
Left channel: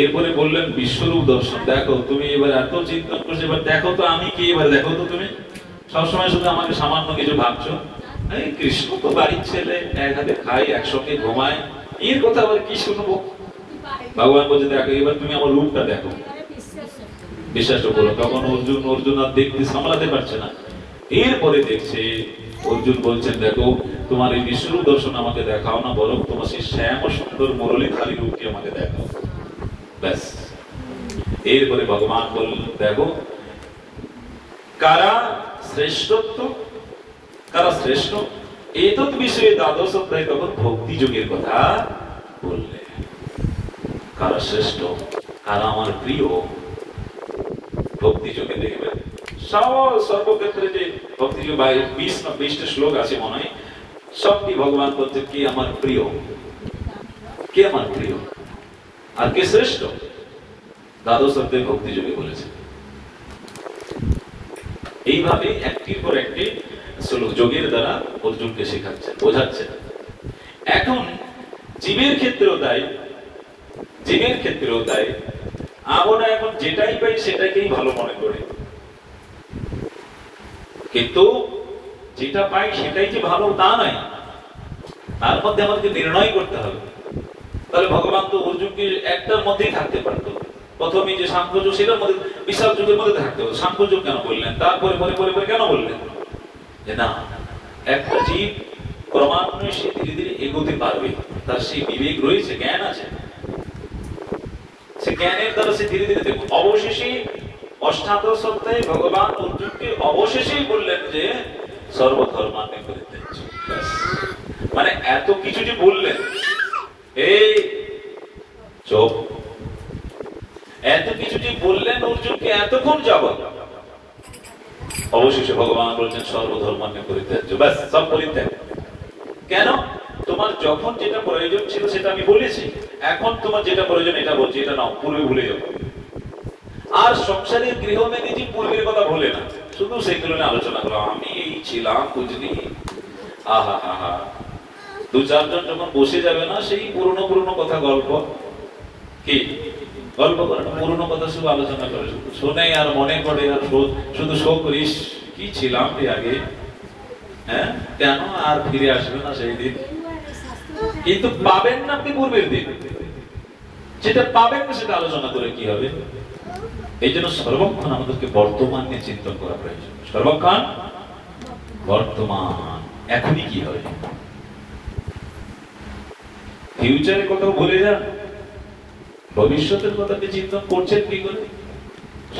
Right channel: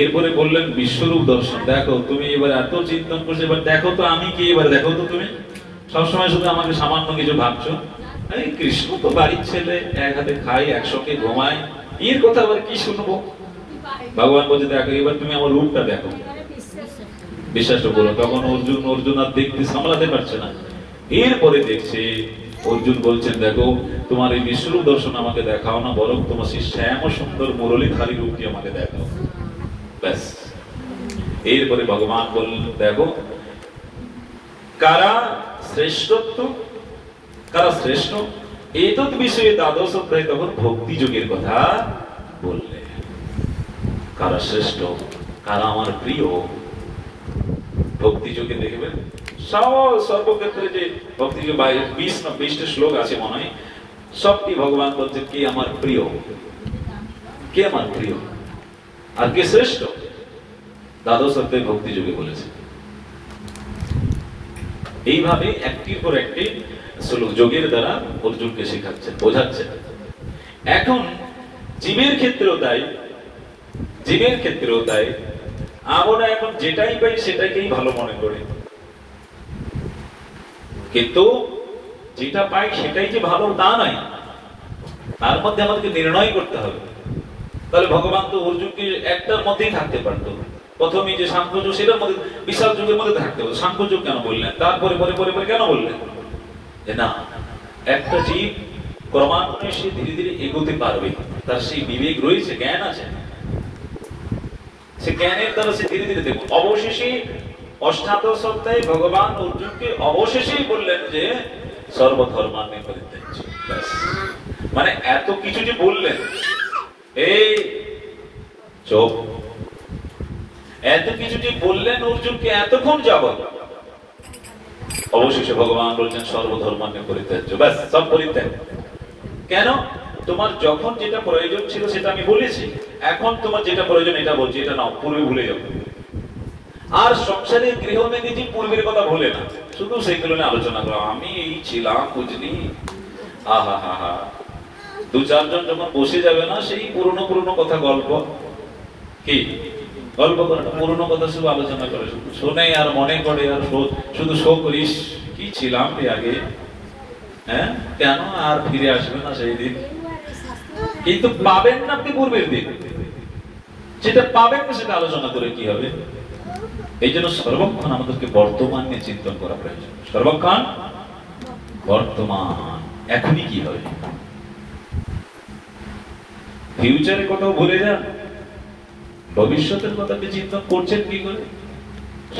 এরপরে বললেন বিশ্বরূপ দর্শন। দেখো তুমি এবার এত চিন্তন করছো, এবার দেখো তো আমি কি, এবার দেখো তো তুমি সবসময় শুধু আমাকে সামান্য কিছু ভাবছো। এই কৃষ্ণ তো বাড়ির ছেলে, এক হাতে খাই একসঙ্গে ঘুমাই, এর কথা আবার কি শুনবো? ভগবান বলছে দেখো এবার তুমি আমার রূপটা দেখো, বিশ্বাস করো। তখন অর্জুন আর দেখতে সামলাতে পারছে না। এরপরে দেখছে অর্জুন বলছেন দেখো তোমার এই বিশ্বরূপ দর্শন আমাকে দেখাও না, বরং তোমার সেই শ্যাম সুন্দর মুরলীধারী রূপটি আমাকে দেখাও। ব্যাস। এরপরে ভগবান বললেন দেখো কারা শ্রেষ্ঠত্ব, কারা শ্রেষ্ঠ, এতৎ বিষয়ে দ্বাদশ অধ্যায় তখন ভক্তি যোগের কথা বললে। কারা শ্রেষ্ঠ, কারা আমার প্রিয়, ভক্তি যোগে দেখবেন সর্বক্ষেত্রে যে ভক্তি যোগ 20টা শ্লোক আছে মনে হয়, সবটি ভগবান বলছেন কে আমার প্রিয়, কে আমার প্রিয় আর কে শ্রেষ্ঠ, দ্বাদশ অধ্যায় ভক্তি যোগে বলেছে। এইভাবে একটির পর একটি যোগের দ্বারা অর্জুনকে শেখাচ্ছেন, বোঝাচ্ছেন। এখন জীবের ক্ষেত্রেও তাই, জীবের ক্ষেত্রেও তাই আমরা এখন যেটাই পাই সেটাকেই ভালো মনে করি, কিন্তু যেটা পাই সেটাই যে ভালো তা নয়, তার মধ্যে আমাদেরকে নির্ণয় করতে হবে। তাহলে ভগবান তো অর্জুনকে একটার মধ্যেই থাকতে পারতো। প্রথমে যে সাংখ্যযোগ সেটার মধ্যে, বিশাল যুগের মধ্যে থাকতে হবে। সাংখ্যযোগ কেন বললেন, তারপরে পরে পরে পরে কেন বললেন যে না একটা জীব ক্রমান্বয়ে সে ধীরে ধীরে এগোতে পারবে, তার সেই বিবেক রয়েছে, জ্ঞান আছে, সে জ্ঞানের দ্বারা সে ধীরে ধীরে দেখুন। অবশেষে অষ্টাদশ অধ্যায়ে ভগবান অর্জুনকে অবশেষেই বললেন যে সর্বধর্মান্নে পরিত্যাজ্য। মানে এত কিছু যে বললেন, এই চোখ, এত কিছু যে বললেন অর্জুনকে এতক্ষণ যাবত, অবশেষে ভগবান বলছেন সর্বধর্মান্নে পরিত্যাজ্য। ব্যাস, সব পরিত্যাগ। কেন? তোমার যখন যেটা প্রয়োজন ছিল সেটা আমি বলেছি, এখন তোমার যেটা প্রয়োজন এটা বলছি, এটা নাও, পূর্বে ভুলে যাবো। আর সংসারে গৃহমেদিজি পূর্বের কথা ভুলে না, শুধু সেগুলো নিয়ে আলোচনা করো। আমি এই ছিলাম বুঝলি, আহা হা হা, 2-4 জন যখন বসে যাবে না, সেই পুরনো পুরনো কথা গল্প, কি গল্প করে না, পুরনো কথা শুধু আলোচনা করে, শোনে আর মনে করে আর শুধু শোক করিস, কি ছিলাম আগে, হ্যাঁ কেন আর ফিরে আসবে না সেই দিন। কিন্তু পাবেন না আপনি পূর্বের দিন, যেটা পাবেন না সেটা আলোচনা করে কি হবে? এই জন্য সর্বক্ষণ আমাদেরকে বর্তমান নিয়ে চিন্তন করা প্রয়োজন। সর্বক্ষণ বর্তমান, এখনই কি হবে, ফিউচারের কথা ভুলে যান, ভবিষ্যতের কথা আপনি চিন্তন করছেন কি করে?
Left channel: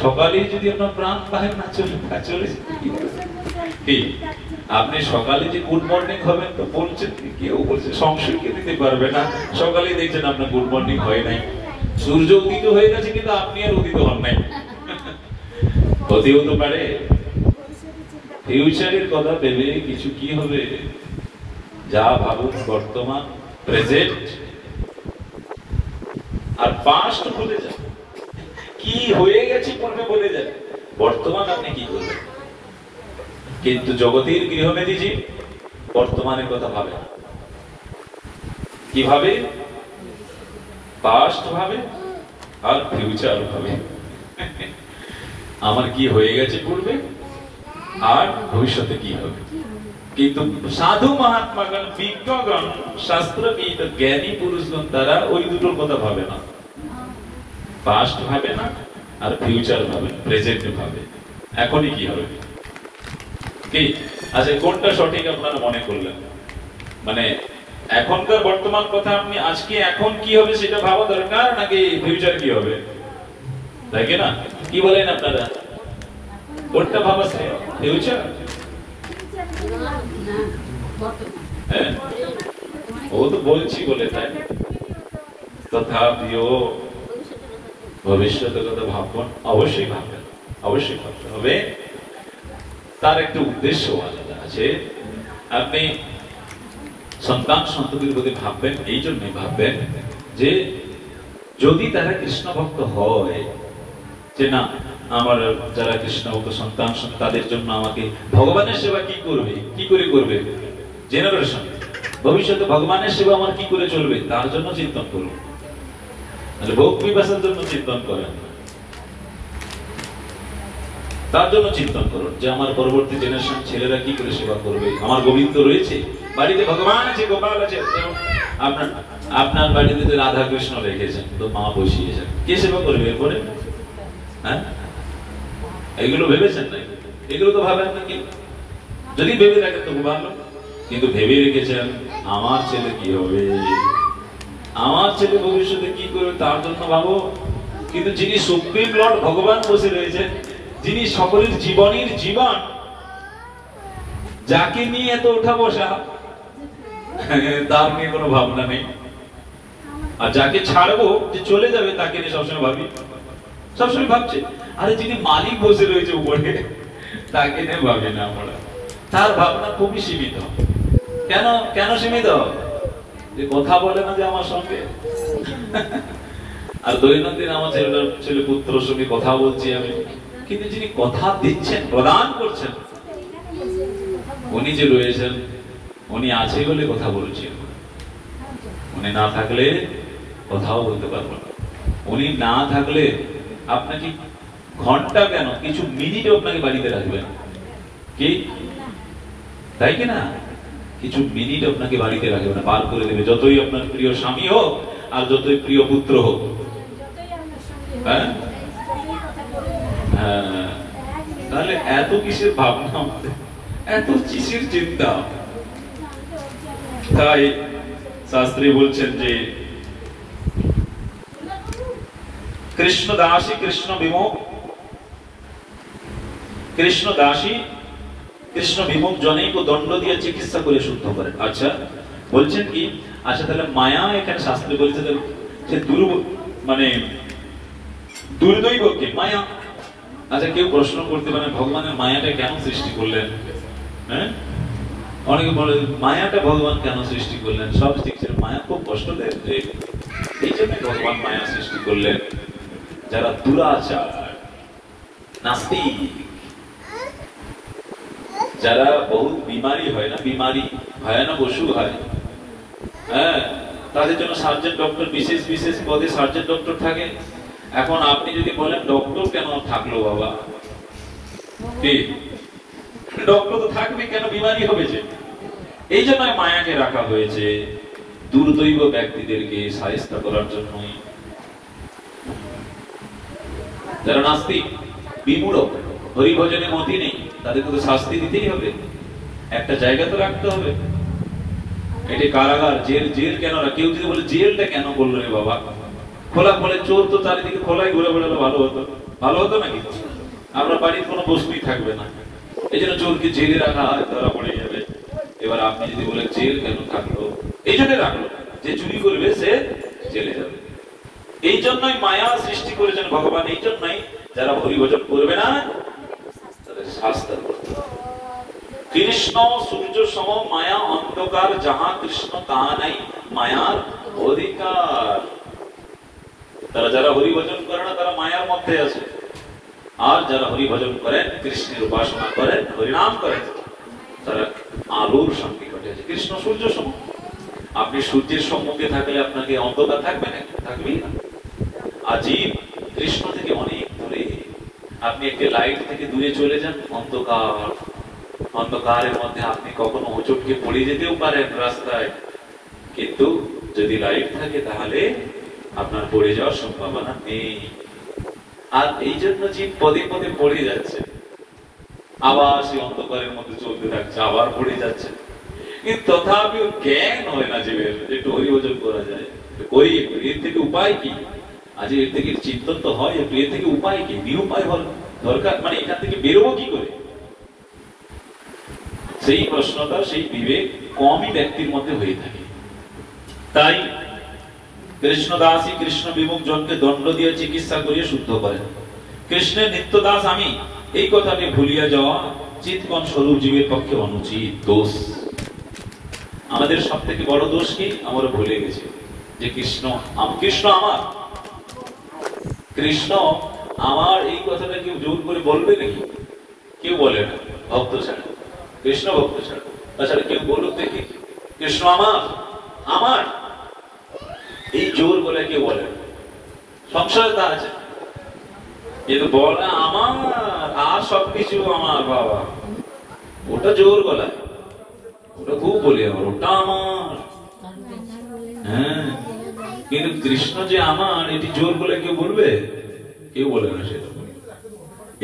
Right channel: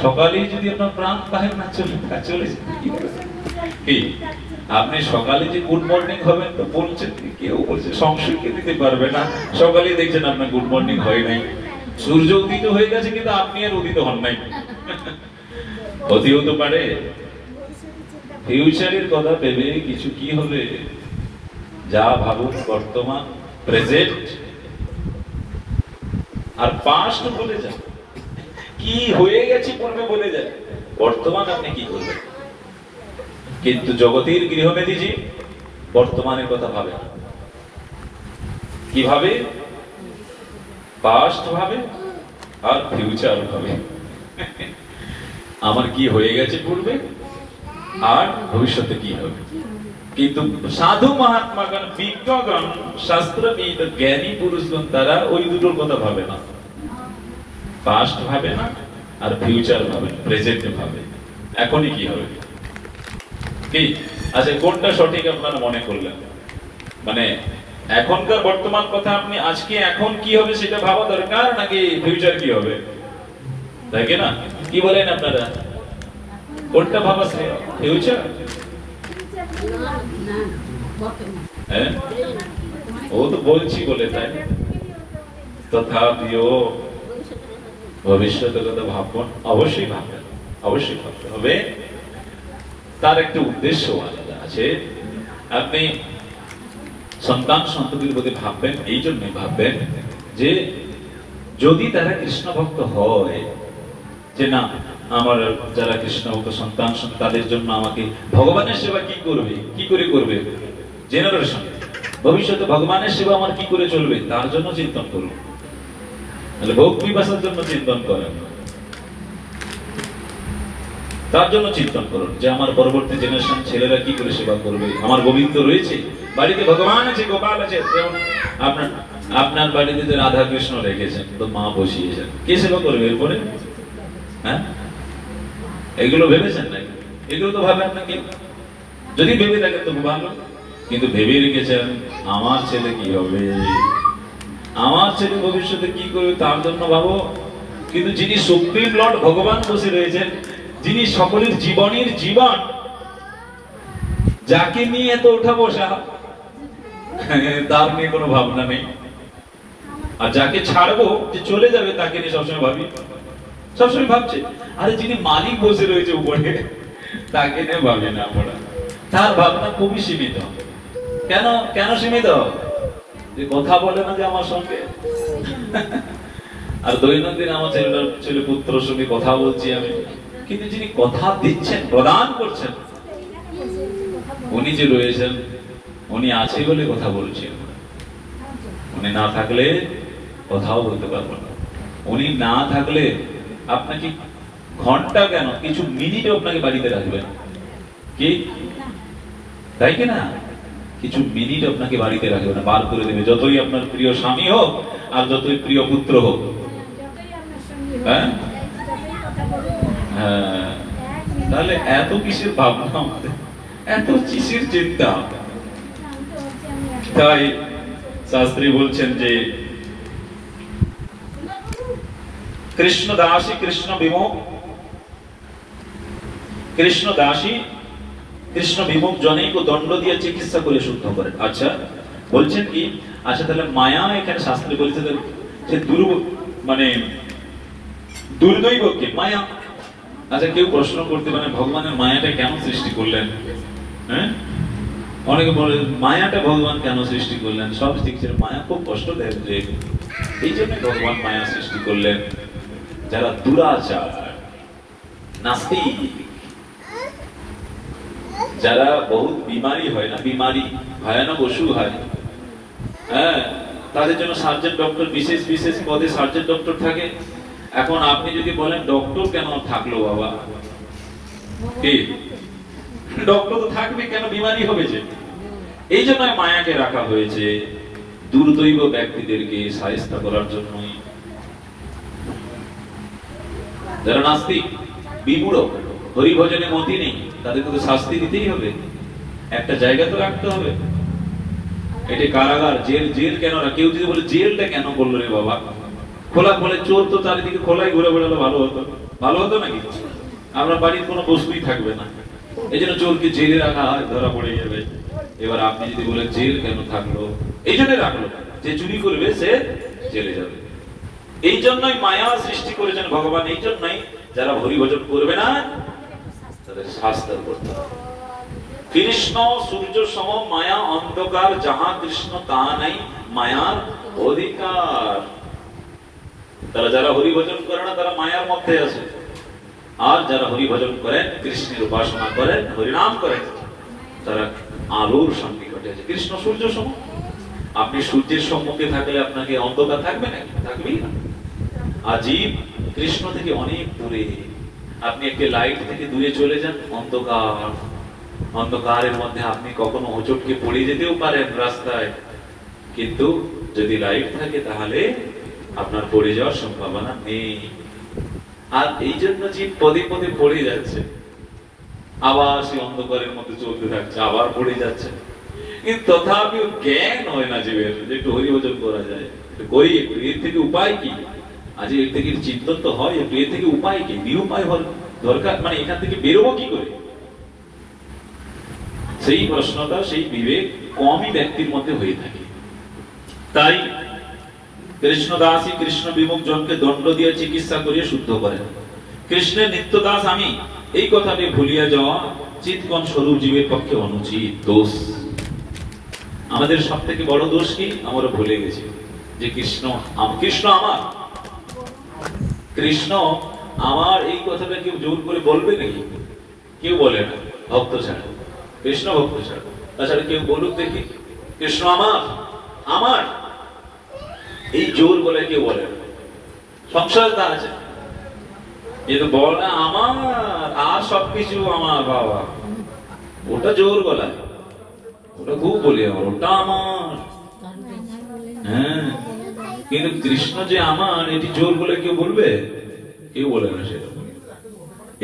সকালেই যদি আপনার প্রাণ পাহেন না চলে আপনি সকালে যে গুড মর্নিং হবেন তো বলছেন, কেউ বলছে সংশয়কে দিতে পারবে না, সকালে দেখছেন আপনার গুড মর্নিং হয় নাই, সূর্য উদিত হয়ে গেছে কিন্তু আপনি আর উদিত হন নাই। হতেও তো পারে। ফিউচারের কথা ভেবে কিছু কি হবে, যা ভাবুন বর্তমান, প্রেজেন্ট আর পাস্ট বলে যান, কি হয়ে গেছে পূর্বে বলে যান, বর্তমান আপনি কি করবেন। কিন্তু জগতের গৃহমেদিজি বর্তমানের কথা ভাবে, কিভাবে? পাস্ট ভাবে আর ফিউচার ভাবে। আমার কি হয়ে গেছে পূর্বে আর ভবিষ্যতে কি হবে। কিন্তু সাধু মহাত্মাগণ, বিজ্ঞগণ, শাস্ত্রবিদ, জ্ঞানী পুরুষগণ তারা ওই দুটোর কথা ভাবে না, পাস্ট ভাবে না আর ফিউচার ভাবে, প্রেজেন্ট ভাবে, এখনই কি হবে। কি আচ্ছা, কোনটা সঠিক আপনারা মনে করলেন? মানে এখনকার বর্তমান কথা আপনি আজকে এখন কি হবে সেটা ভাবা দরকার, নাকি ফিউচার কি হবে, তাই কি না? কি বলেন আপনারা, কোনটা ভাবা ফিউচার? হ্যাঁ, ও তো বলছি বলে তাই, তথাপিও ভবিষ্যতের কথা ভাববেন, অবশ্যই ভাববেন, অবশ্যই ভাবতে হবে। তার একটা উদ্দেশ্য আলাদা আছে। আপনি সন্তান সন্ততির প্রতি ভাববেন, এই জন্যই ভাববেন যে যদি তারা কৃষ্ণ ভক্ত হয়, যে না আমার যারা কৃষ্ণ ভক্ত সন্তান তাদের জন্য আমাকে ভগবানের সেবা কি করবে, কি করে করবে, জেনারেশন ভবিষ্যতে ভগবানের সেবা আমার কি করে চলবে তার জন্য চিন্তন করবে। তাহলে ভোগ বিপাশার জন্য চিন্তন করেন, তার জন্য চিন্তন করুন যে আমার পরবর্তী জেনারেশন ছেলেরা কি করে সেবা করবে। আমার গোবিন্দ রয়েছে, বাড়িতে ভগবান আছে, গোপাল আছে, আপনার বাড়িতে যে রাধা কৃষ্ণ রেখেছেন তো মা বসিয়েছেন, কে সেবা করবে এরপরে? হ্যাঁ, এগুলো ভেবেছেন না? এগুলো তো ভাবেন না, যদি ভেবে থাকেন তো ভালো, কিন্তু ভেবে রেখেছেন আমার ছেলে কি হবে, আমার ছেলে ভবিষ্যতে কি করবে তার জন্য ভাবো। কিন্তু যিনি সুপ্রিম লর্ড ভগবান বসে রয়েছেন, যিনি সকলের জীবনের জীবন, যাকে নিয়ে এত ওঠা বসা, তার নিয়ে কোনো ভাবনা নেই। আর যাকে ছাড়বো যে চলে যাবে তাকে নিয়ে সবসময় ভাবি, সবসময় ভাবছে। আরে যিনি মালিক বসে রয়েছে উপরে তাকে নিয়ে ভাবি না আমরা। তার ভাবনা খুবই সীমিত। কেন কেন সীমিত? যে কথা বলে না যে আমার সঙ্গে, আর দৈনন্দিন আমার ছেলে পুত্রের সঙ্গে কথা বলছি আমি, কিন্তু যিনি কথা দিচ্ছেন, প্রদান করছেন, উনি যে রয়েছেন, উনি আছে বলে কথা বলছেন। উনি না থাকলে কথাও বলতে পারবো না। উনি না থাকলে আপনাকে ঘন্টা কেন কিছু মিনিট আপনাকে বাড়িতে রাখবেন কি, তাই কি না? কিছু মিনিট আপনাকে বাড়িতে রাখবে না, বার করে দেবে। যতই আপনার প্রিয় স্বামী হোক আর যতই প্রিয় পুত্র হোক, হ্যাঁ, তাহলে এত কিসের ভাবনা, এত কিসের চিন্তা? তাই শাস্ত্রী বলছেন যে কৃষ্ণ দাসী কৃষ্ণ বিমুখ, কৃষ্ণ দাসী কৃষ্ণ বিমুখ জনেকে দণ্ড দিয়ে চিকিৎসা করে শুদ্ধ করে। আচ্ছা বলছেন কি, আচ্ছা তাহলে মায়া এখানে শাস্ত্রে বলছে যে মানে দুর্দৈবকে মায়া। আচ্ছা কেউ প্রশ্ন করতে পারে ভগবানের মায়াটা কেন সৃষ্টি করলেন? হ্যাঁ, অনেকে বলে মায়াটা ভগবান কেন সৃষ্টি করলেন? সব শিখছে মায়া খুব কষ্ট দেয়, এই জন্য ভগবান মায়া সৃষ্টি করলেন। যারা দুরাচার, নাস্তিক, যারা বহুত বিমারি হয় না, বিমারি ভয়ানক অসুখ হয়, হ্যাঁ, তাদের জন্য সার্জন ডক্টর, বিশেষ বিশেষ পদে সার্জন ডক্টর থাকে। এখন আপনি যদি বলেন ডক্টর কেন থাকলো বাবা, ঠিক, ডক্টর তো থাকবে কেন, বিমারি হবে যে। এই জন্য মায়াকে রাখা হয়েছে দুর্দৈব ব্যক্তিদেরকে সাহায্য করার জন্য। যারা নাস্তিক, বিমূঢ়, হরিভজনে মতি নেই, তাদেরকে তো শাস্তি দিতেই হবে, একটা জায়গা তো রাখতে হবে। এটা কারাগার, জেল। জেল কেন না? কেউ যদি বলে জেলটা কেন করলো রে বাবা, খোলা খোলে চোর তো চারিদিকে খোলাই ঘুরে বেড়ালো, ভালো হতো, ভালো হতো নাকি? আমরা বাড়ির কোনো বস্তুই থাকবে না, এই জন্য চোরকে জেলে রাখা হয়, ধরা পড়ে যাবে। এবার আপনি যদি বলেন জেল কেন থাকলো, এই জন্য রাখলো, যে চুরি করবে সে জেলে যাবে। এই জন্যই মায়া সৃষ্টি করেছেন ভগবান। এই জন্যই যারা হরিভজন করবে না তাদের শাস্তি করতে হবে। কৃষ্ণ সূর্য সম মায়া অন্ধকার, যাহা কৃষ্ণ তাহা নাই মায়ার অধিকার। তারা যারা হরিভজন করে না তারা মায়ার মধ্যে আছে, আর যারা হরিভজন করেন, কৃষ্ণের উপাসনা করেন, হরিনাম করেন, তারা আলোর সন্নিকটে আছে। কৃষ্ণ সূর্য সম। আপনি সূর্যের সম্মুখে থাকলে আপনাকে অন্ধকার থাকবে না? থাকবেই না। আর জীব কৃষ্ণ থেকে অনেক দূরে। আপনি একটা লাইট থেকে দূরে চলে যান, অন্ধকার, অন্ধকারের মধ্যে আপনি কখনো হোঁচটকে পড়ে যেতেও পারেন রাস্তায়, কিন্তু যদি লাইট থাকে তাহলে আপনার পড়ে যাওয়ার সম্ভাবনা নেই। আর এই জন্য জীব পদে পদে পড়ে যাচ্ছে, আবার সেই অন্ধকারের মধ্যে চলতে থাকছে, আবার পড়ে যাচ্ছে। কিন্তু তথাপিও জ্ঞান হয় না জীবের, একটু হরিভজন করা যায়, করি, এর থেকে উপায় কি? আজ এর থেকে চিন্তন তো হয়, এর থেকে উপায় কি? নিরুপায় হল দরকার, মানে এখান থেকে বেরোবো কি করে? সেই প্রশ্নটা, সেই বিবেক কমই ব্যক্তির মধ্যে হয়ে থাকে। তাই কৃষ্ণদাসী কৃষ্ণ বিমুখ জনকে দণ্ড দিয়ে চিকিৎসা করিয়ে শুদ্ধ করেন। কৃষ্ণের নিত্যদাস আমি, এই কথাকে ভুলিয়ে যাওয়া চিৎকন স্বরূপ জীবের পক্ষে অনুচিত দোষ। আমাদের সব থেকে বড় দোষ কি? আমরা ভুলে গেছি যে কৃষ্ণ কৃষ্ণ আমার, কৃষ্ণ আমার এই কথাটা কেউ জোর করে বলবে নাকি? কেউ বলে না, ভক্ত ছাড়া, কৃষ্ণ ভক্ত ছাড়া। তাছাড়া কেউ বলুক দেখি কৃষ্ণ আমার, আমার, এই জোর বলে কেউ বলে না। সংসার তা আছে, কিন্তু বলা আমার আর সবকিছু আমার বাবা, ওটা জোর বলা, ওটা খুব বলি আমার, ওটা আমার। হ্যাঁ, কিন্তু কৃষ্ণ যে আমার, এটি জোর বলে কেউ বলবে? কেউ বলে না সেটা।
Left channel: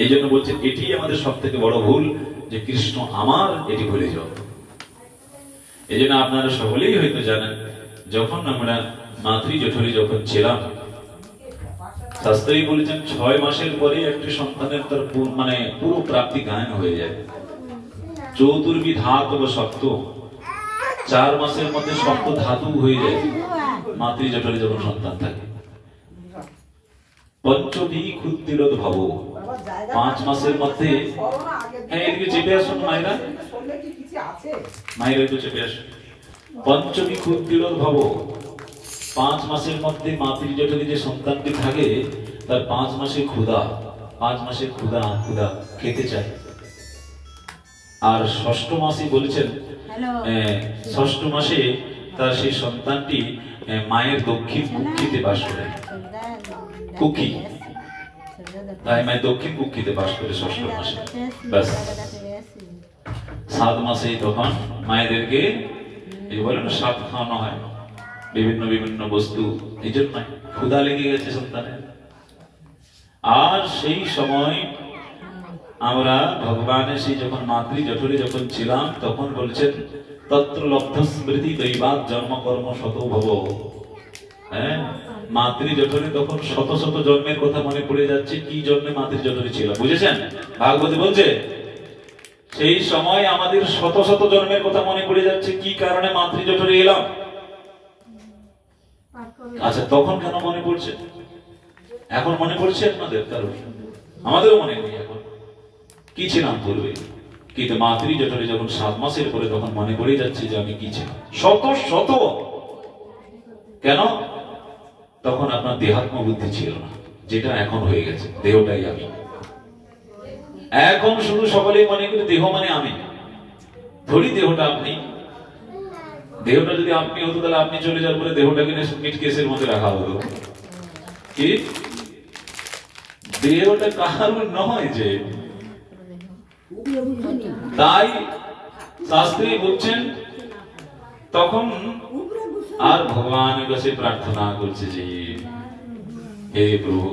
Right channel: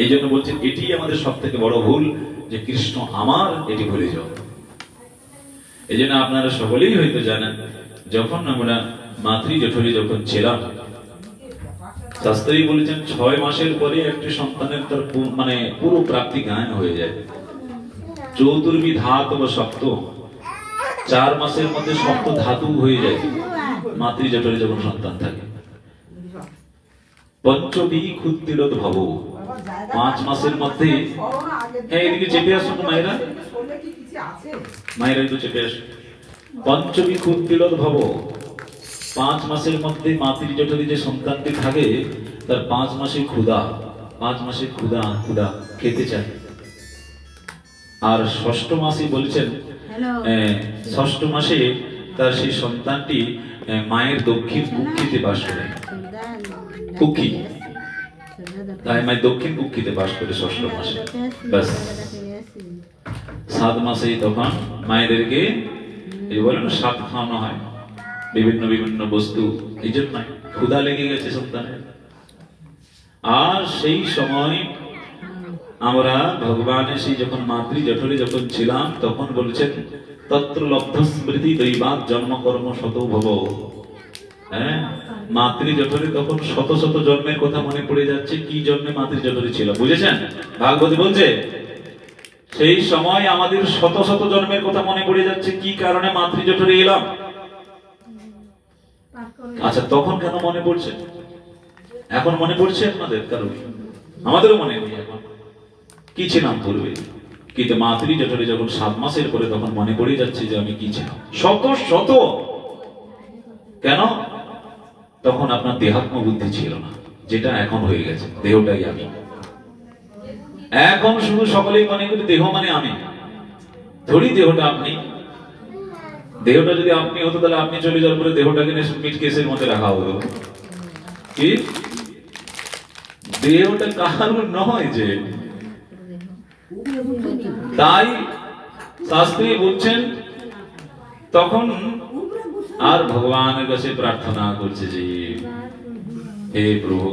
এই জন্য বলছে এটি আমাদের সব থেকে বড় ভুল, যে কৃষ্ণ আমার, এটি ভুলে যাও। এই জন্য আপনারা সকলেই হয়তো জানেন, যখন আমরা মাতৃ জঠরে যখন ছিলাম, শাস্ত্রী বলেছেন 6 মাসের পরে একটি সন্তানের তার মানে পুরো প্রাপ্তি গায়ন হয়ে যায়। চতুর্বি ধাতু বা সপ্ত, 4 মাসের মধ্যে সপ্ত ধাতু হয়ে যায় মাতৃ জঠরে যখন সন্তান থাকে। পঞ্চবি ক্ষুদ্র ভাব, 5 মাসের মধ্যে, হ্যাঁ এদিকে চেপে আসুন মায়েরা, মায়েরা একটু চেপে আসুন। পঞ্চবি ক্ষুদ্র ভাব, 5 মাসের মধ্যে মাতৃ জঠরে যে সন্তানটি থাকে, তার 5 মাসে ক্ষুধা, 5 মাসে ক্ষুধা ক্ষুধা খেতে চায়। আর 6ষ্ঠ মাসে বলেছেন, 6ষ্ঠ মাসে তার সেই সন্তানটি মায়ের দক্ষিণ কুক্ষিতে বাস করে। কুক্ষি, তাই মায়ের দক্ষিণ কুক্ষিতে বাস করে 6ষ্ঠ মাসে। ব্যাস 7 মাসেই তখন মায়েদেরকে এই বলে না, সাত খাওয়ানো হয়, বিভিন্ন বিভিন্ন বস্তু, এই জন্য ক্ষুধা লেগে গেছে সন্তানের। আর সেই সময় আমরা ভগবানের সেই যখন মাতৃ জঠরে যখন ছিলাম, তখন বলছেন তত্র লব্ধ স্মৃতি দৈবাৎ জন্ম কর্ম শত ভব। হ্যাঁ, মাতৃ জঠরে তখন শত শত জন্মের কথা মনে পড়ে যাচ্ছে, কি জন্মে মাতৃ জঠরে ছিল, বুঝেছেন? ভাগবতী বলছে সেই সময় আমাদের শত শত জন্মের কথা মনে পড়ে যাচ্ছে, কি কারণে মাতৃ জঠরে এলাম। আচ্ছা, তখন কেন মনে পড়ছে? এখন মনে পড়ছে আপনাদের? কারণ আমাদেরও মনে নেই এখন, কি ছিলাম পূর্বে। কিন্তু মাতৃ জঠরে যখন 7 মাসের পরে, তখন মনে পড়ে যাচ্ছে যে আমি কি ছিলাম। শত শত, কেন? তখন আপনার দেহাত্ম বুদ্ধি ছিল না, যেটা এখন হয়ে গেছে। দেহটাই আমি। এখন শুধু সকলেই মনে করি দেহ মানে আমি, ধরি দেহটা আপনি। দেহটা যদি আপনি হতো, তাহলে আপনি চলে যাওয়ার পরে দেহটাকে মিট কেসের মধ্যে রাখা হতো। কি দেহটা কারণ নয় যে, তাই শাস্ত্রী বলছেন তখন আর ভগবানের কাছে প্রার্থনা করছে যে হে প্রভু,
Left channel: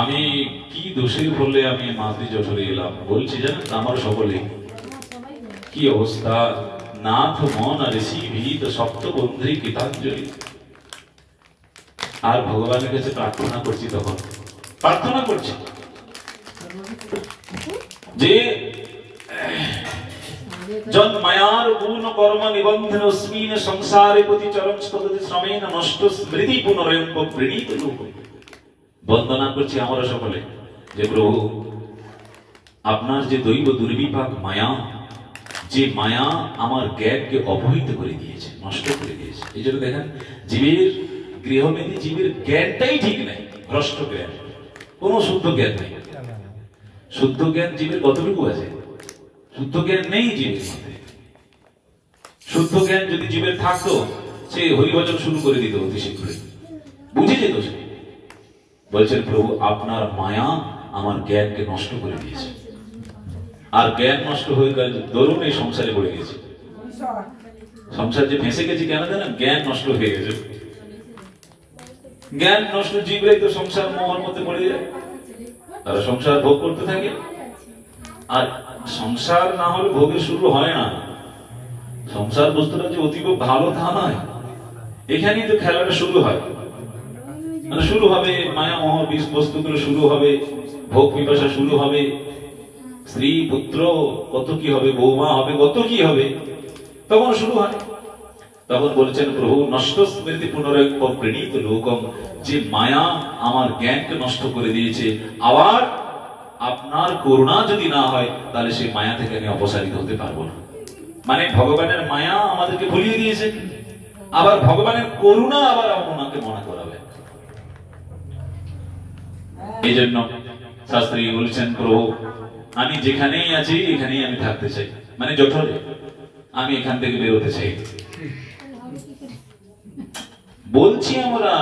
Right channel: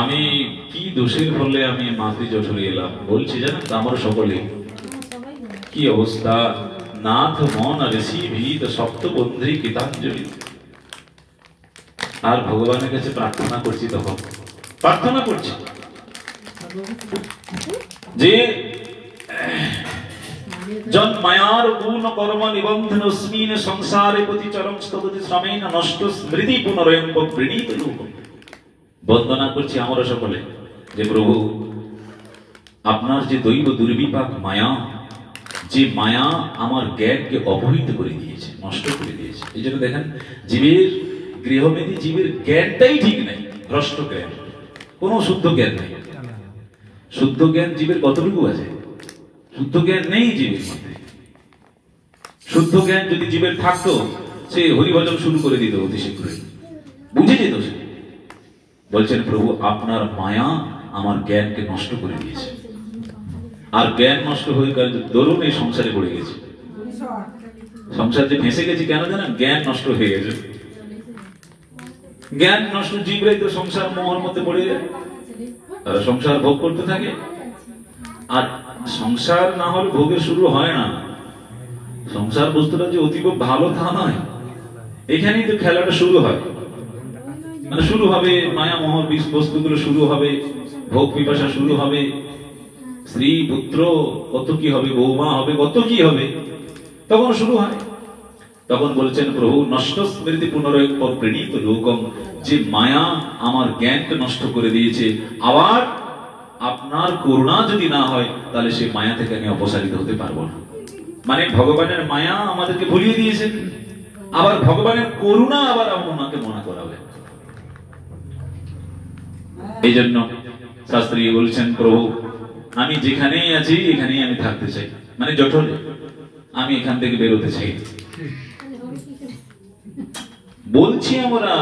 আমি কি দোষের ফলে আমি মাতৃ জঠরে এলাম। বলছি জানেন আমার সকলে কি অবস্থা, নাথ মন ঋষি ভীত সপ্তবন্ধী গীতাঞ্জলি। আর ভগবানের কাছে প্রার্থনা করছি, তখন প্রার্থনা করছি যে জন্মায়ার গুণ কর্ম নিবন্ধন অস্মিন সংসারে প্রতি চরম স্তবতি শ্রমেন নষ্ট স্মৃতি পুনরয়ন প্রণীত রূপ। বন্দনা করছি আমরা সকলে যে প্রভু, আপনার যে দৈব দুর্বিপাক মায়া, যে মায়া আমার জ্ঞানকে অপহৃত করে দিয়েছে, নষ্ট করে দিয়েছে। এই জন্য দেখেন জীবের গৃহমেধি, জীবের জ্ঞানটাই ঠিক নেই, ভ্রষ্ট জ্ঞান, কোন শুদ্ধ জ্ঞান নেই। শুদ্ধ জ্ঞান জীবের কতটুকু আছে? শুদ্ধ জ্ঞান নেই জীবের মধ্যে। শুদ্ধ জ্ঞান যদি জীবের থাকতো, সে হরিভজন শুরু করে দিত অতি শীঘ্রই, বুঝে যেত সে। বলছেন প্রভু, আপনার মায়া আমার জ্ঞানকে নষ্ট করে দিয়েছে। আর জ্ঞান নষ্ট হয়ে গেলে দরুন এই সংসারে পড়ে গেছে। সংসার যে ফেঁসে গেছি কেন জানেন? জ্ঞান নষ্ট হয়ে গেছে। জ্ঞান নষ্ট জীবরাই তো সংসার মোহের মধ্যে পড়ে যায়, তারা সংসার ভোগ করতে থাকে। আর সংসার না হলে ভোগের শুরু হয় না। সংসার বস্তুটা যে অতি খুব ভালো তা নয়, এখানেই তো খেলাটা শুরু হয়। মানে শুরু হবে মায়া মোহ বস্তুগুলো, শুরু হবে ভোগ পিপাসা, শুরু হবে স্ত্রী পুত্র, কত কি হবে, বৌমা হবে, কত কি হবে, তখন শুরু হয়। তখন বলছেন প্রভু, নষ্ট স্মৃতি পুনরায় প্রণীত লোকম, যে মায়া আমার জ্ঞানকে নষ্ট করে দিয়েছে, আবার আপনার করুণা যদি না হয়, তাহলে সেই মায়া থেকে আমি অপসারিত হতে পারবো না। মানে ভগবানের মায়া আমাদেরকে ভুলিয়ে দিয়েছে, আবার ভগবানের করুণা আবার আমাকে মনে করাবে। এই জন্য শাস্ত্রী বলছেন, প্রভু আমি যেখানেই আছি এখানেই আমি থাকতে চাই, মানে জঠরে আমি এখান থেকে বেরোতে চাই। বলছি আমরা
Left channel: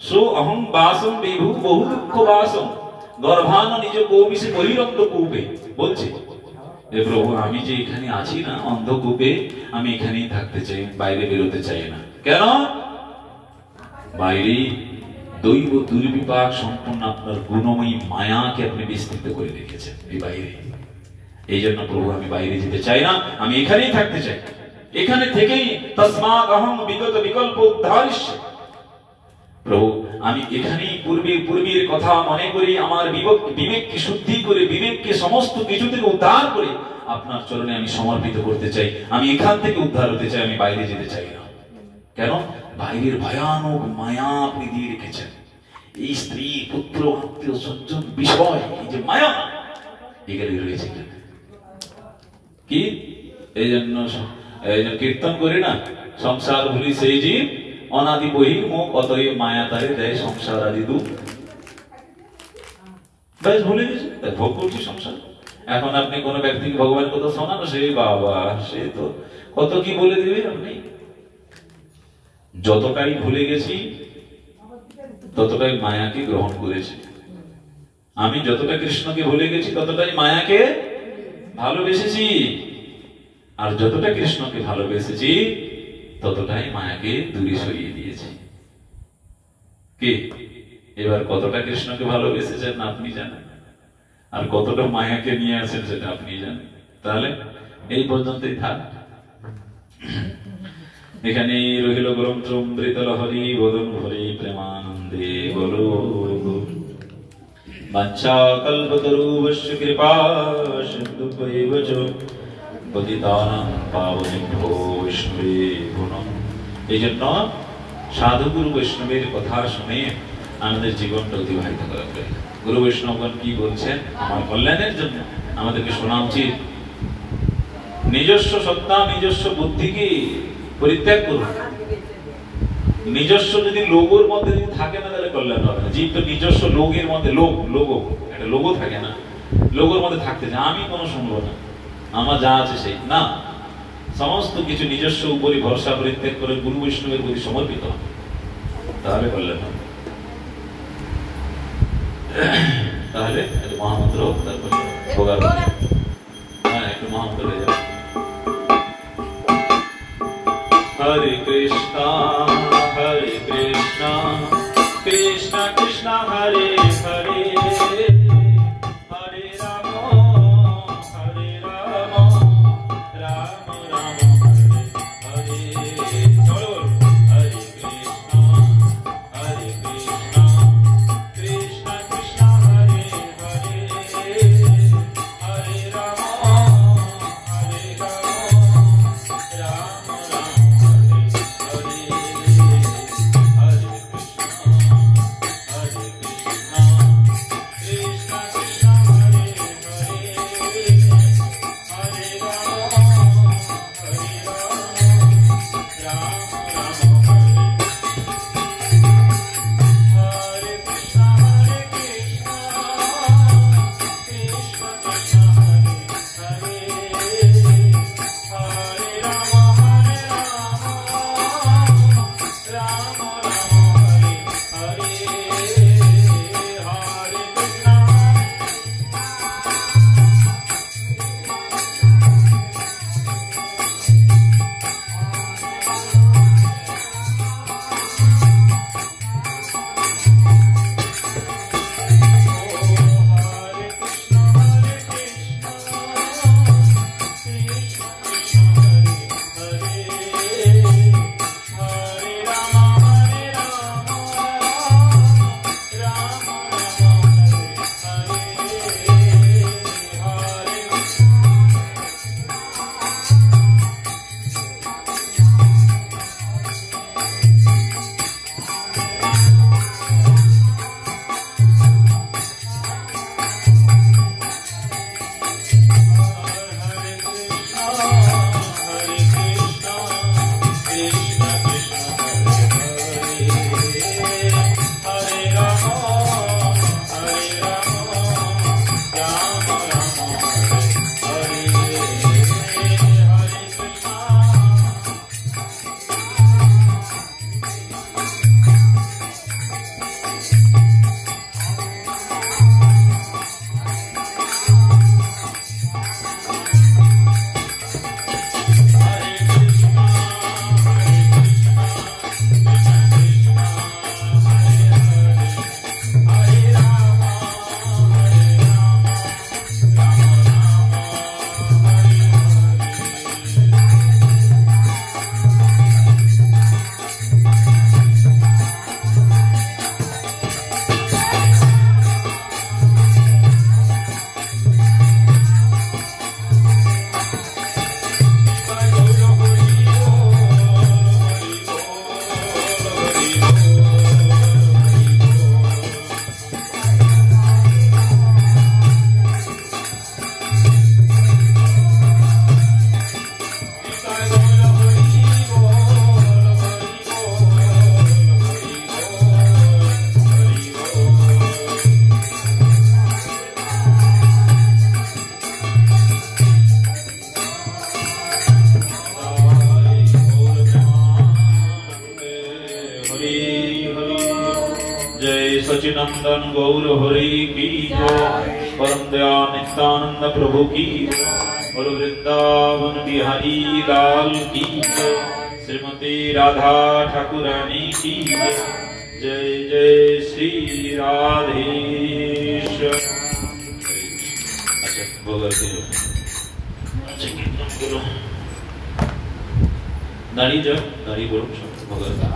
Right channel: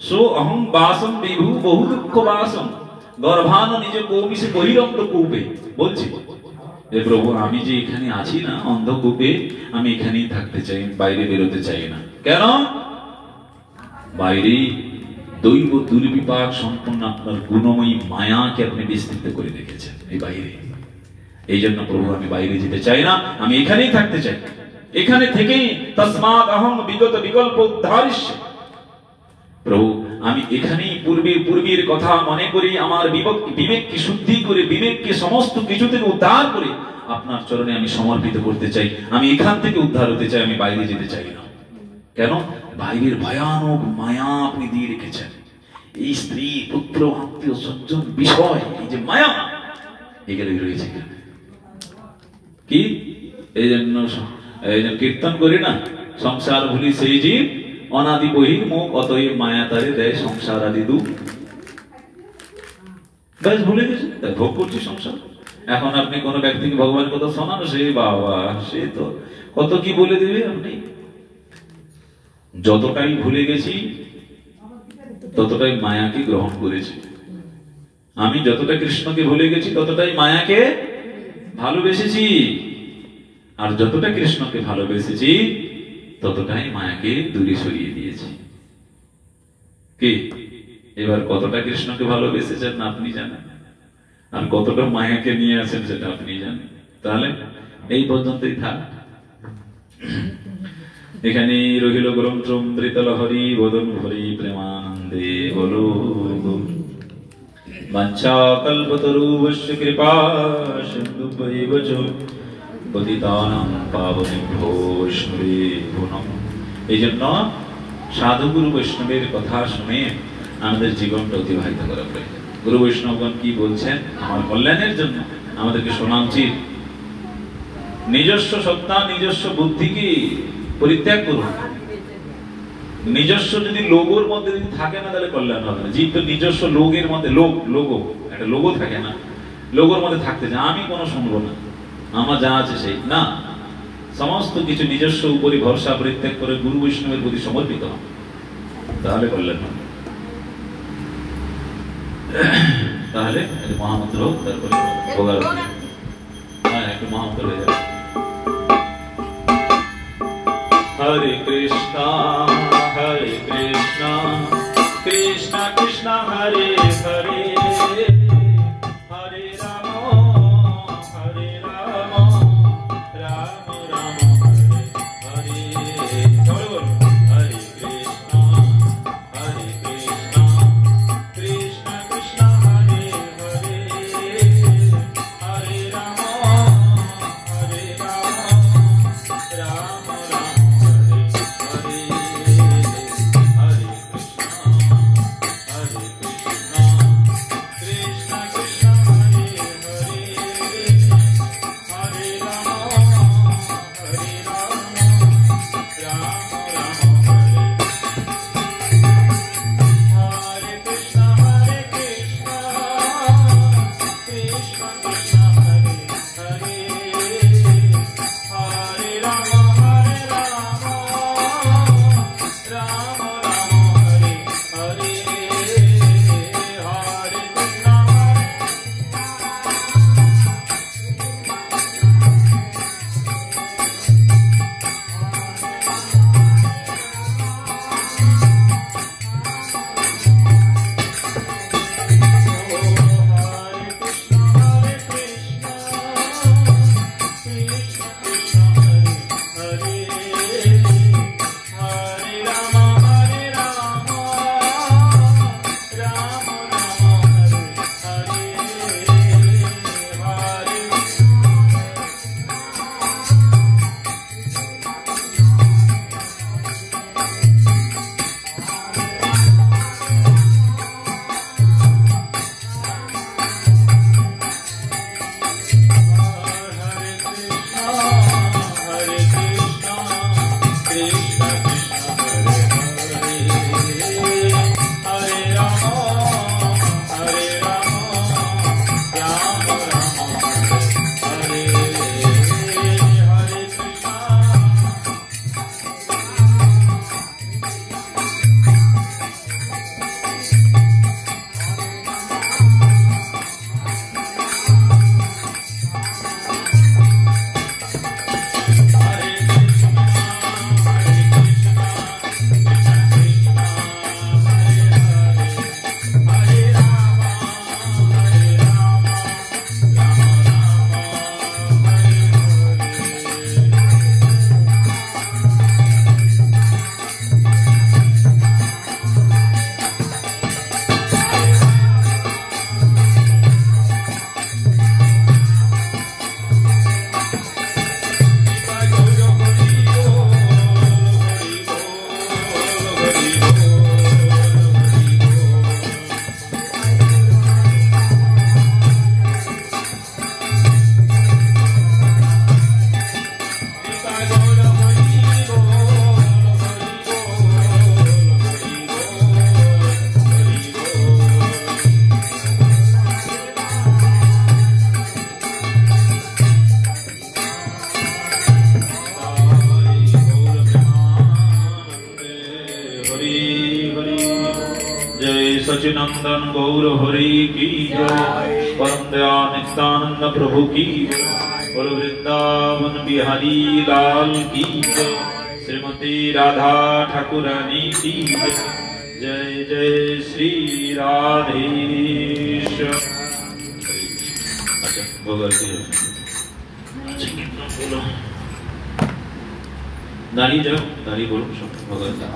সো অহং বাসম বিভু বহু দুঃখ বাসম গর্ভান নিজে কৌমিষে বহিরন্ধ কূপে। বলছি যে প্রভু আমি যে এখানে আছি না অন্ধকূপে, আমি এখানেই থাকতে চাই, বাইরে বেরোতে চাই না। কেন? বাইরে দৈব দুর্বিপাক সম্পন্ন আপনার গুণময়ী মায়াকে আপনি বিস্তৃত করে রেখেছেন এই বাইরে। এই জন্য প্রভু আমি বাইরে যেতে চাই না, আমি এখানেই থাকতে চাই। এখানে থেকেই তসমাৎ অহং বিগত বিকল্প উদ্ধারিষ্য। প্রভু আমি এখানেই পূর্বের কথা মনে করে আমার বিবেককে শুদ্ধি করে, বিবেককে সমস্ত কিছু থেকে উদ্ধার করে আপনার চরণে আমি সমর্পিত করতে চাই। আমি এখান থেকে উদ্ধার হতে চাই, আমি বাইরে যেতে চাই না। কেন? বাইরের ভয়ানক মায়া আপনি দিয়ে রেখেছেন। এই স্ত্রী, পুত্র, আত্মীয় স্বজন, বিষয়, এই যে মায়া, এগুলো রয়েছে কি? এই জন্য কীর্তন করি না, সংসার ভুলি সেই জীব অনাদি বহির মুখ, অতএব মায়া তারে দেয় সংসার আদি দুঃখ। ব্যাস ভুলে গেছে, তাই ভোগ করছি সংসার। এখন আপনি কোন ব্যক্তিকে ভগবানের কথা শোনানো, সে বাবা সে তো কত কি বলে দেবে। আপনি যতটাই ভুলে গেছি ততটাই মায়াকে গ্রহণ করেছি। আমি যতটা কৃষ্ণকে ভুলে গেছি ততটাই মায়াকে ভালোবেসেছি, আর যতটা কৃষ্ণকে ভালোবেসেছি ততটাই মায়াকে দূরে সরিয়ে দিয়েছি। কি এবার কতটা কৃষ্ণকে ভালোবেসেছেন আপনি জানেন, আর কতটা মায়াকে নিয়ে আসেন সেটা আপনি জানেন। তাহলে এই পর্যন্তই থাক। এখানেই রহিল গ্রন্থ মৃতল হরি বদন হরি প্রেমানন্দে বলো। বাঞ্ছা কল্পতরুবশ্য কৃপা সিন্ধুভৈব চ পতিতানাং পাবনেভ্যো বৈষ্ণবেভ্যো। এই জন্য সাধুগুরু বৈষ্ণবের কথা শুনে আমাদের জীবনটা অতিবাহিত করা প্রয়োজন। গুরু বৈষ্ণবগণ কি বলছেন আমার কল্যাণের জন্য আমাদেরকে শোনা উচিত। নিজস্ব সত্তা, নিজস্ব বুদ্ধিকে পরিত্যাগ করুন। নিজস্ব যদি লোগোর মধ্যে যদি থাকে না তাহলে কল্যাণ হবে না। জীব তো নিজস্ব লোগের মধ্যে, লোগো একটা লোগো থাকে না, লোগোর মধ্যে থাকতে চায় আমি কোনো শুনবো না, আমার যা আছে সেই না। সমস্ত কিছু নিজস্ব উপরে ভরসা পরিত্যাগ করে গুরু বৈষ্ণবের প্রতি সমর্পিত হবে, তাহলে কল্যাণ হবে। তাহলে মহামন্ত্র, তারপরে একটু মহামন্ত্র হয়ে যাবে। হরে কৃষ্ণ হরে কৃষ্ণ কৃষ্ণ কৃষ্ণ হরে হরে, হরে রাম হরে রাম রাম রাম হরে হরে। হরে কৃষ্ণ হরে কৃষ্ণ কৃষ্ণ কৃষ্ণ হরে হরে, হরে রাম রাম রাম। सच्चिनंदन गौर हरि की जय, परम दया नित्यानंद प्रभु की जय, और वृंदावन बिहारी लाल की जय, श्रीमती राधा ठाकुरानी की जय। जय जय श्री राधेश्वर। अच्छा भगवती बोलो नारी जब नारी बोलो भगवती